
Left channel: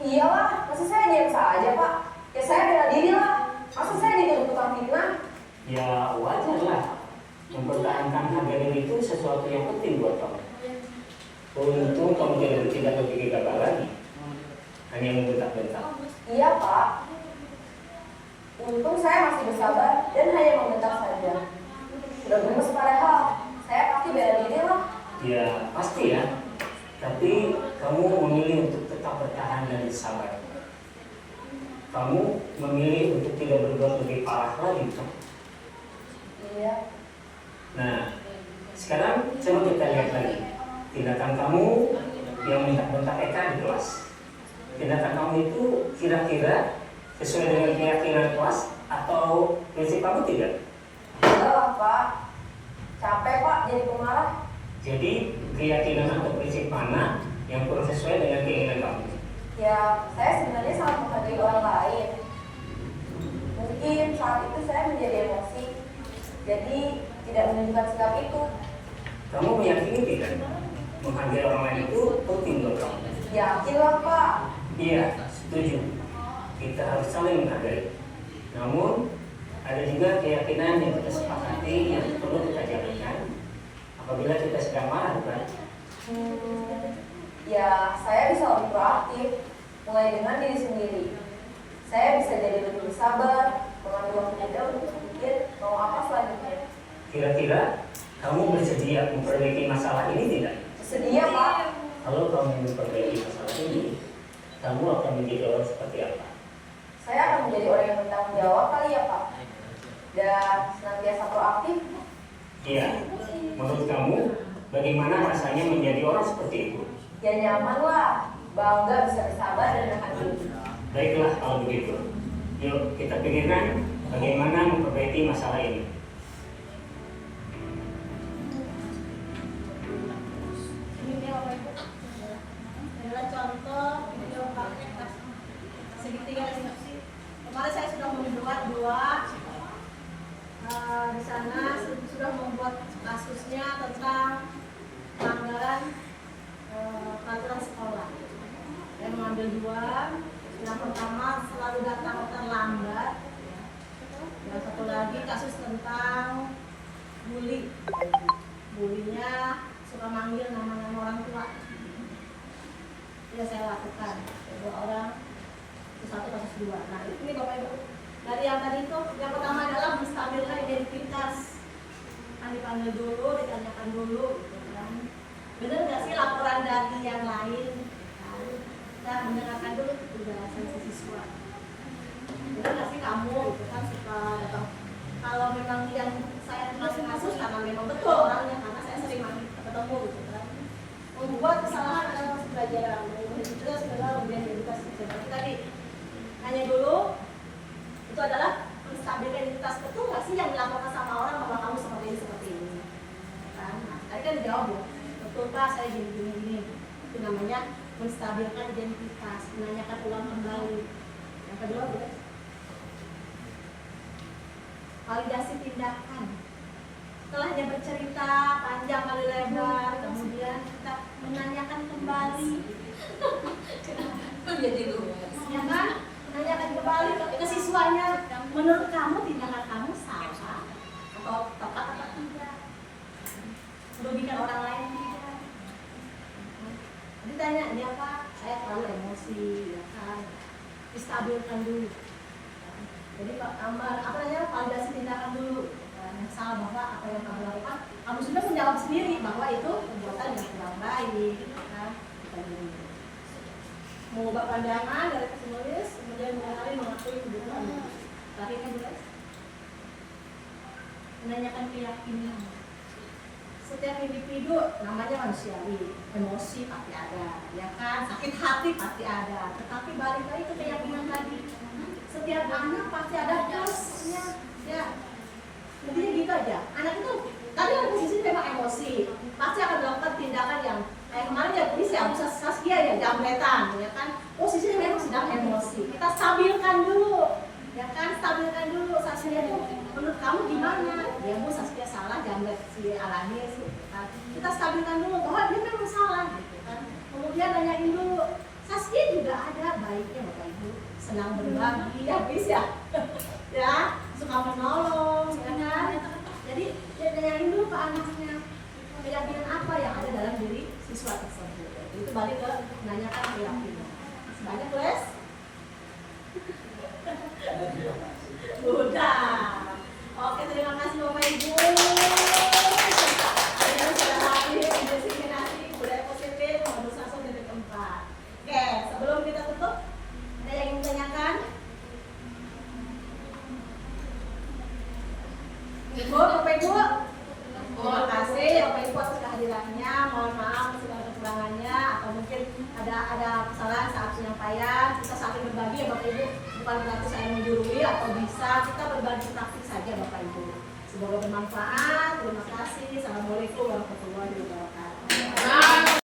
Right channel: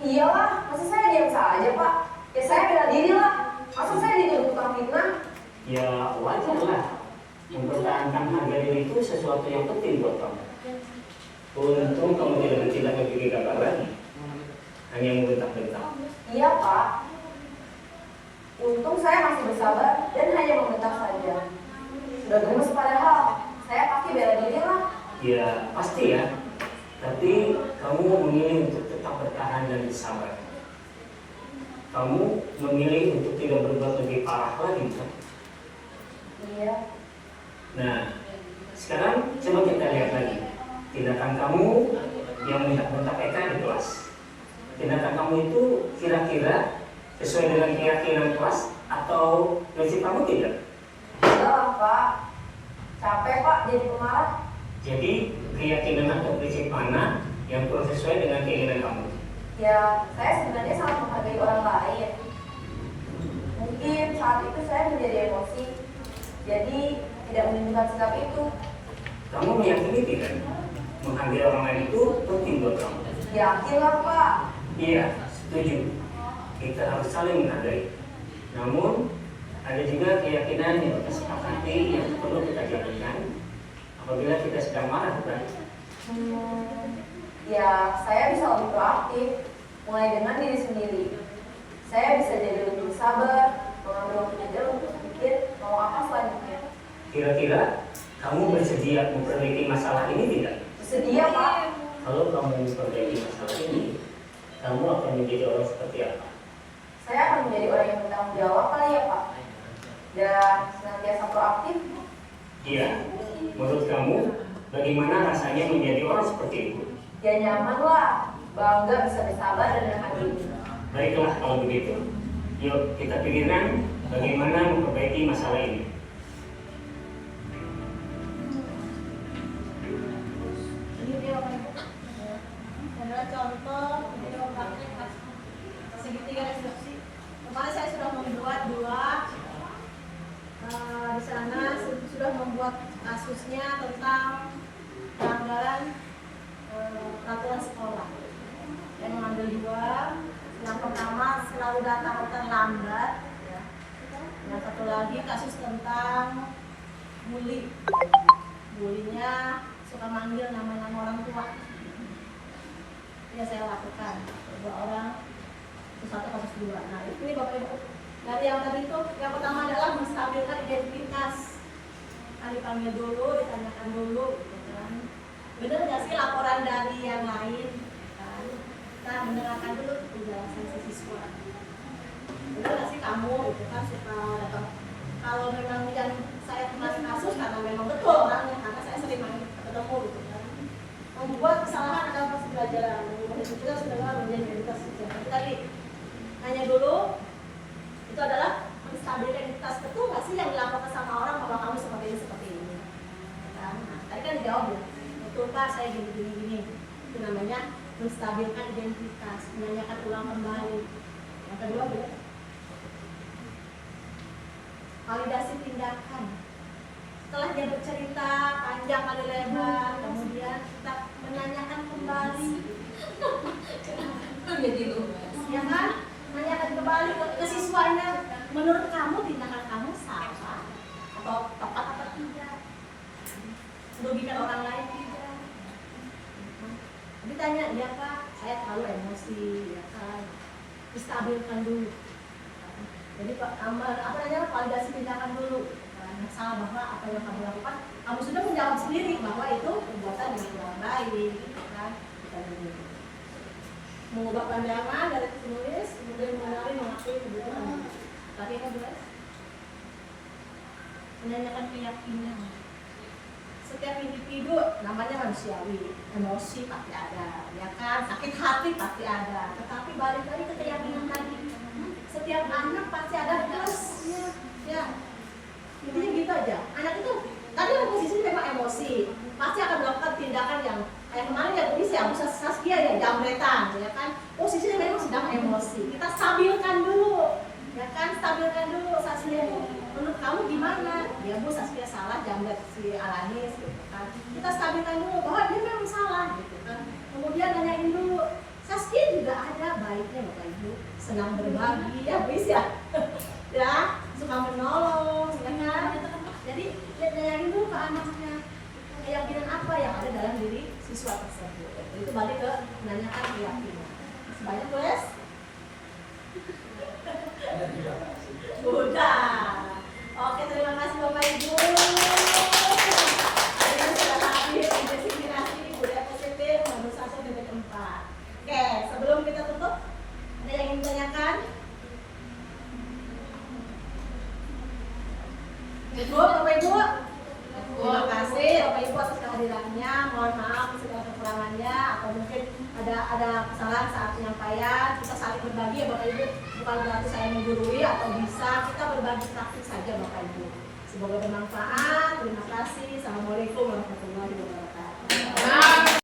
Iyalah, masa saya diam saja Pak? Ya saya bela diri lah. Masa saya dituduh tukang fitnah? Ya wajar lah. Mempertahankan harga diri itu sesuatu yang penting buat kamu. Untung kamu tidak bertindak lebih gagal lagi. Hanya membentak-bentak. Iya Pak. Untung saya masih bersabar dan hanya membentak saja. Sudah gemes padahal. Saya pasti bela diri lah. Ya pasti ya. Tapi kamu memilih untuk tetap bertahan dan bersabar. Kamu memilih untuk tidak berbuat lebih parah lagi, bukan? Iya. Nah, sekarang coba kita lihat lagi tindakan kamu yang bentak-bentak Eka di kelas. Tindakan kamu itu kira-kira sesuai dengan keyakinan kelas atau prinsip kamu tidak? Enggak lah Pak. Capek Pak jadi pemarah. Jadi keyakinan atau prinsip mana yang kurang sesuai dengan keinginan kamu? Ya, saya sebenarnya sangat menghargai orang lain. Mungkin saat itu saya menjadi emosi, jadi tidak menunjukkan sikap itu. Kamu meyakini tidak? Menghargai orang lain itu penting buat kamu. Yakin lah Pak. Iya, setuju. Kita harus saling menghargai. Namun, ada juga keyakinan yang kita sepakati yang perlu kita jalankan apabila kita sedang marah, bukan? Ya, saya bisa lebih proaktif, mulai dengan diri sendiri. Saya bisa jadi lebih bersabar, mengambil waktu jeda untuk berpikir mau apa selanjutnya. Kira-kira kamu bersedia memperbaiki masalah ini tidak? Bersedia Pak. Kalau kamu memperbaiki masalah ini, kamu akan menjadi orang seperti apa? Saya akan menjadi orang yang bertanggung jawab kali ya Pak. Dan senantiasa proaktif. Iya. Menurut kamu, bagaimana rasanya menjadi orang seperti itu? Ya nyaman lah, bangga bisa bersabar dan menahan diri. Baiklah kalau begitu. Yuk kita pikirkan bagaimana memperbaiki masalah ini. Ini dia Bapak Ibu. Adalah contoh video praktek segitiga instruksi. Kemarin saya sudah membuat dua. Di sana sudah membuat kasusnya tentang pelanggaran peraturan sekolah. Saya mengambil dua. Yang pertama selalu datang terlambat. Ya. Yang satu lagi kasus tentang bully. Bulinya suka manggil nama-nama orang tua. Ya saya lakukan. Dua orang, itu satu kasus dua. Nah ini Bapak Ibu. Dari yang tadi itu, yang pertama adalah menstabilkan identitas. Kan dipanggil dulu, ditanyakan dulu, gitu kan. Benar nggak sih laporan dari yang lain? Kan? Kita mendengarkan dulu penjelasan si siswa. Benar nggak sih kamu, gitu kan, suka datang? Kalau memang yang saya masih kasus, karena memang betul orangnya, karena saya sering ketemu, gitu kan. Membuat kesalahan adalah proses pembelajaran, mengubah itu juga segala menjadi identitas. Jadi tadi nanya dulu. Itu adalah menstabilkan identitas. Betul nggak sih yang dilaporkan sama orang bahwa kamu seperti ini? Kan? Nah, tadi kan dijawab ya, betul Pak saya gini. Itu namanya menstabilkan identitas, menanyakan ulang kembali. Yang kedua gitu, validasi tindakan. Setelah dia bercerita panjang kali lebar, kemudian kita menanyakan kembali. Jadi luas. Ya kan? Menanyakan kembali ke siswanya, menurut kamu tindakan kamu salah atau tepat atau tidak, merugikan orang lain tidak. Ditanya, ya Pak, saya terlalu emosi, ya kan, distabilkan dulu. Jadi validasi tindakan dulu. Yang salah bahwa apa yang kamu lakukan, kamu sudah menjawab sendiri bahwa itu perbuatan yang kurang baik, kan? Kita dulu. Mengubah pandangan dari penulis, kemudian mengenali mengakui kebutuhan. Tadi kan Bu, menanyakan keyakinan. Setiap individu namanya manusiawi, emosi pasti ada, ya kan? Sakit hati pasti ada. Tetapi balik lagi ke keyakinan tadi. Setiap anak pasti ada plusnya, ya. Intinya gitu aja. Anak itu tadi dalam posisi memang emosi, pasti akan melakukan tindakan yang kayak kemarin ya polisi ya, Saskia ya jambretan, ya kan? Posisinya memang sedang emosi. Kita stabilkan dulu, ya kan? Stabilkan dulu Saskia itu. Menurut kamu gimana? Ya Bu, Saskia salah jambret si Alanis, gitu kan? Kita stabilkan dulu bahwa dia memang salah, gitu kan? Kemudian nanyain dulu, Saskia juga ada baik senang berbagi, habis ya, ya suka menolong, ya kan? Jadi yang itu ke anaknya keyakinan apa yang ada dalam diri siswa tersebut. Itu balik ke menanyakan keyakinan. Sebanyak guys. Udah. Oke, terima kasih Bapak Ibu. Hari ini sudah hadir diseminasi budaya positif modul 1.4. Oke, sebelum kita tutup, ada yang ingin ditanyakan? Ibu, Bapak Ibu, terima kasih Bapak Ibu atas kehadirannya. Mohon maaf segala kekurangannya atau mungkin ada kesalahan saat penyampaian. Kita saling berbagi ya Bapak Ibu. Bukan berarti saya menggurui atau bisa kita berbagi praktik saja Bapak Ibu. Semoga bermanfaat. Terima kasih. Assalamualaikum warahmatullahi wabarakatuh.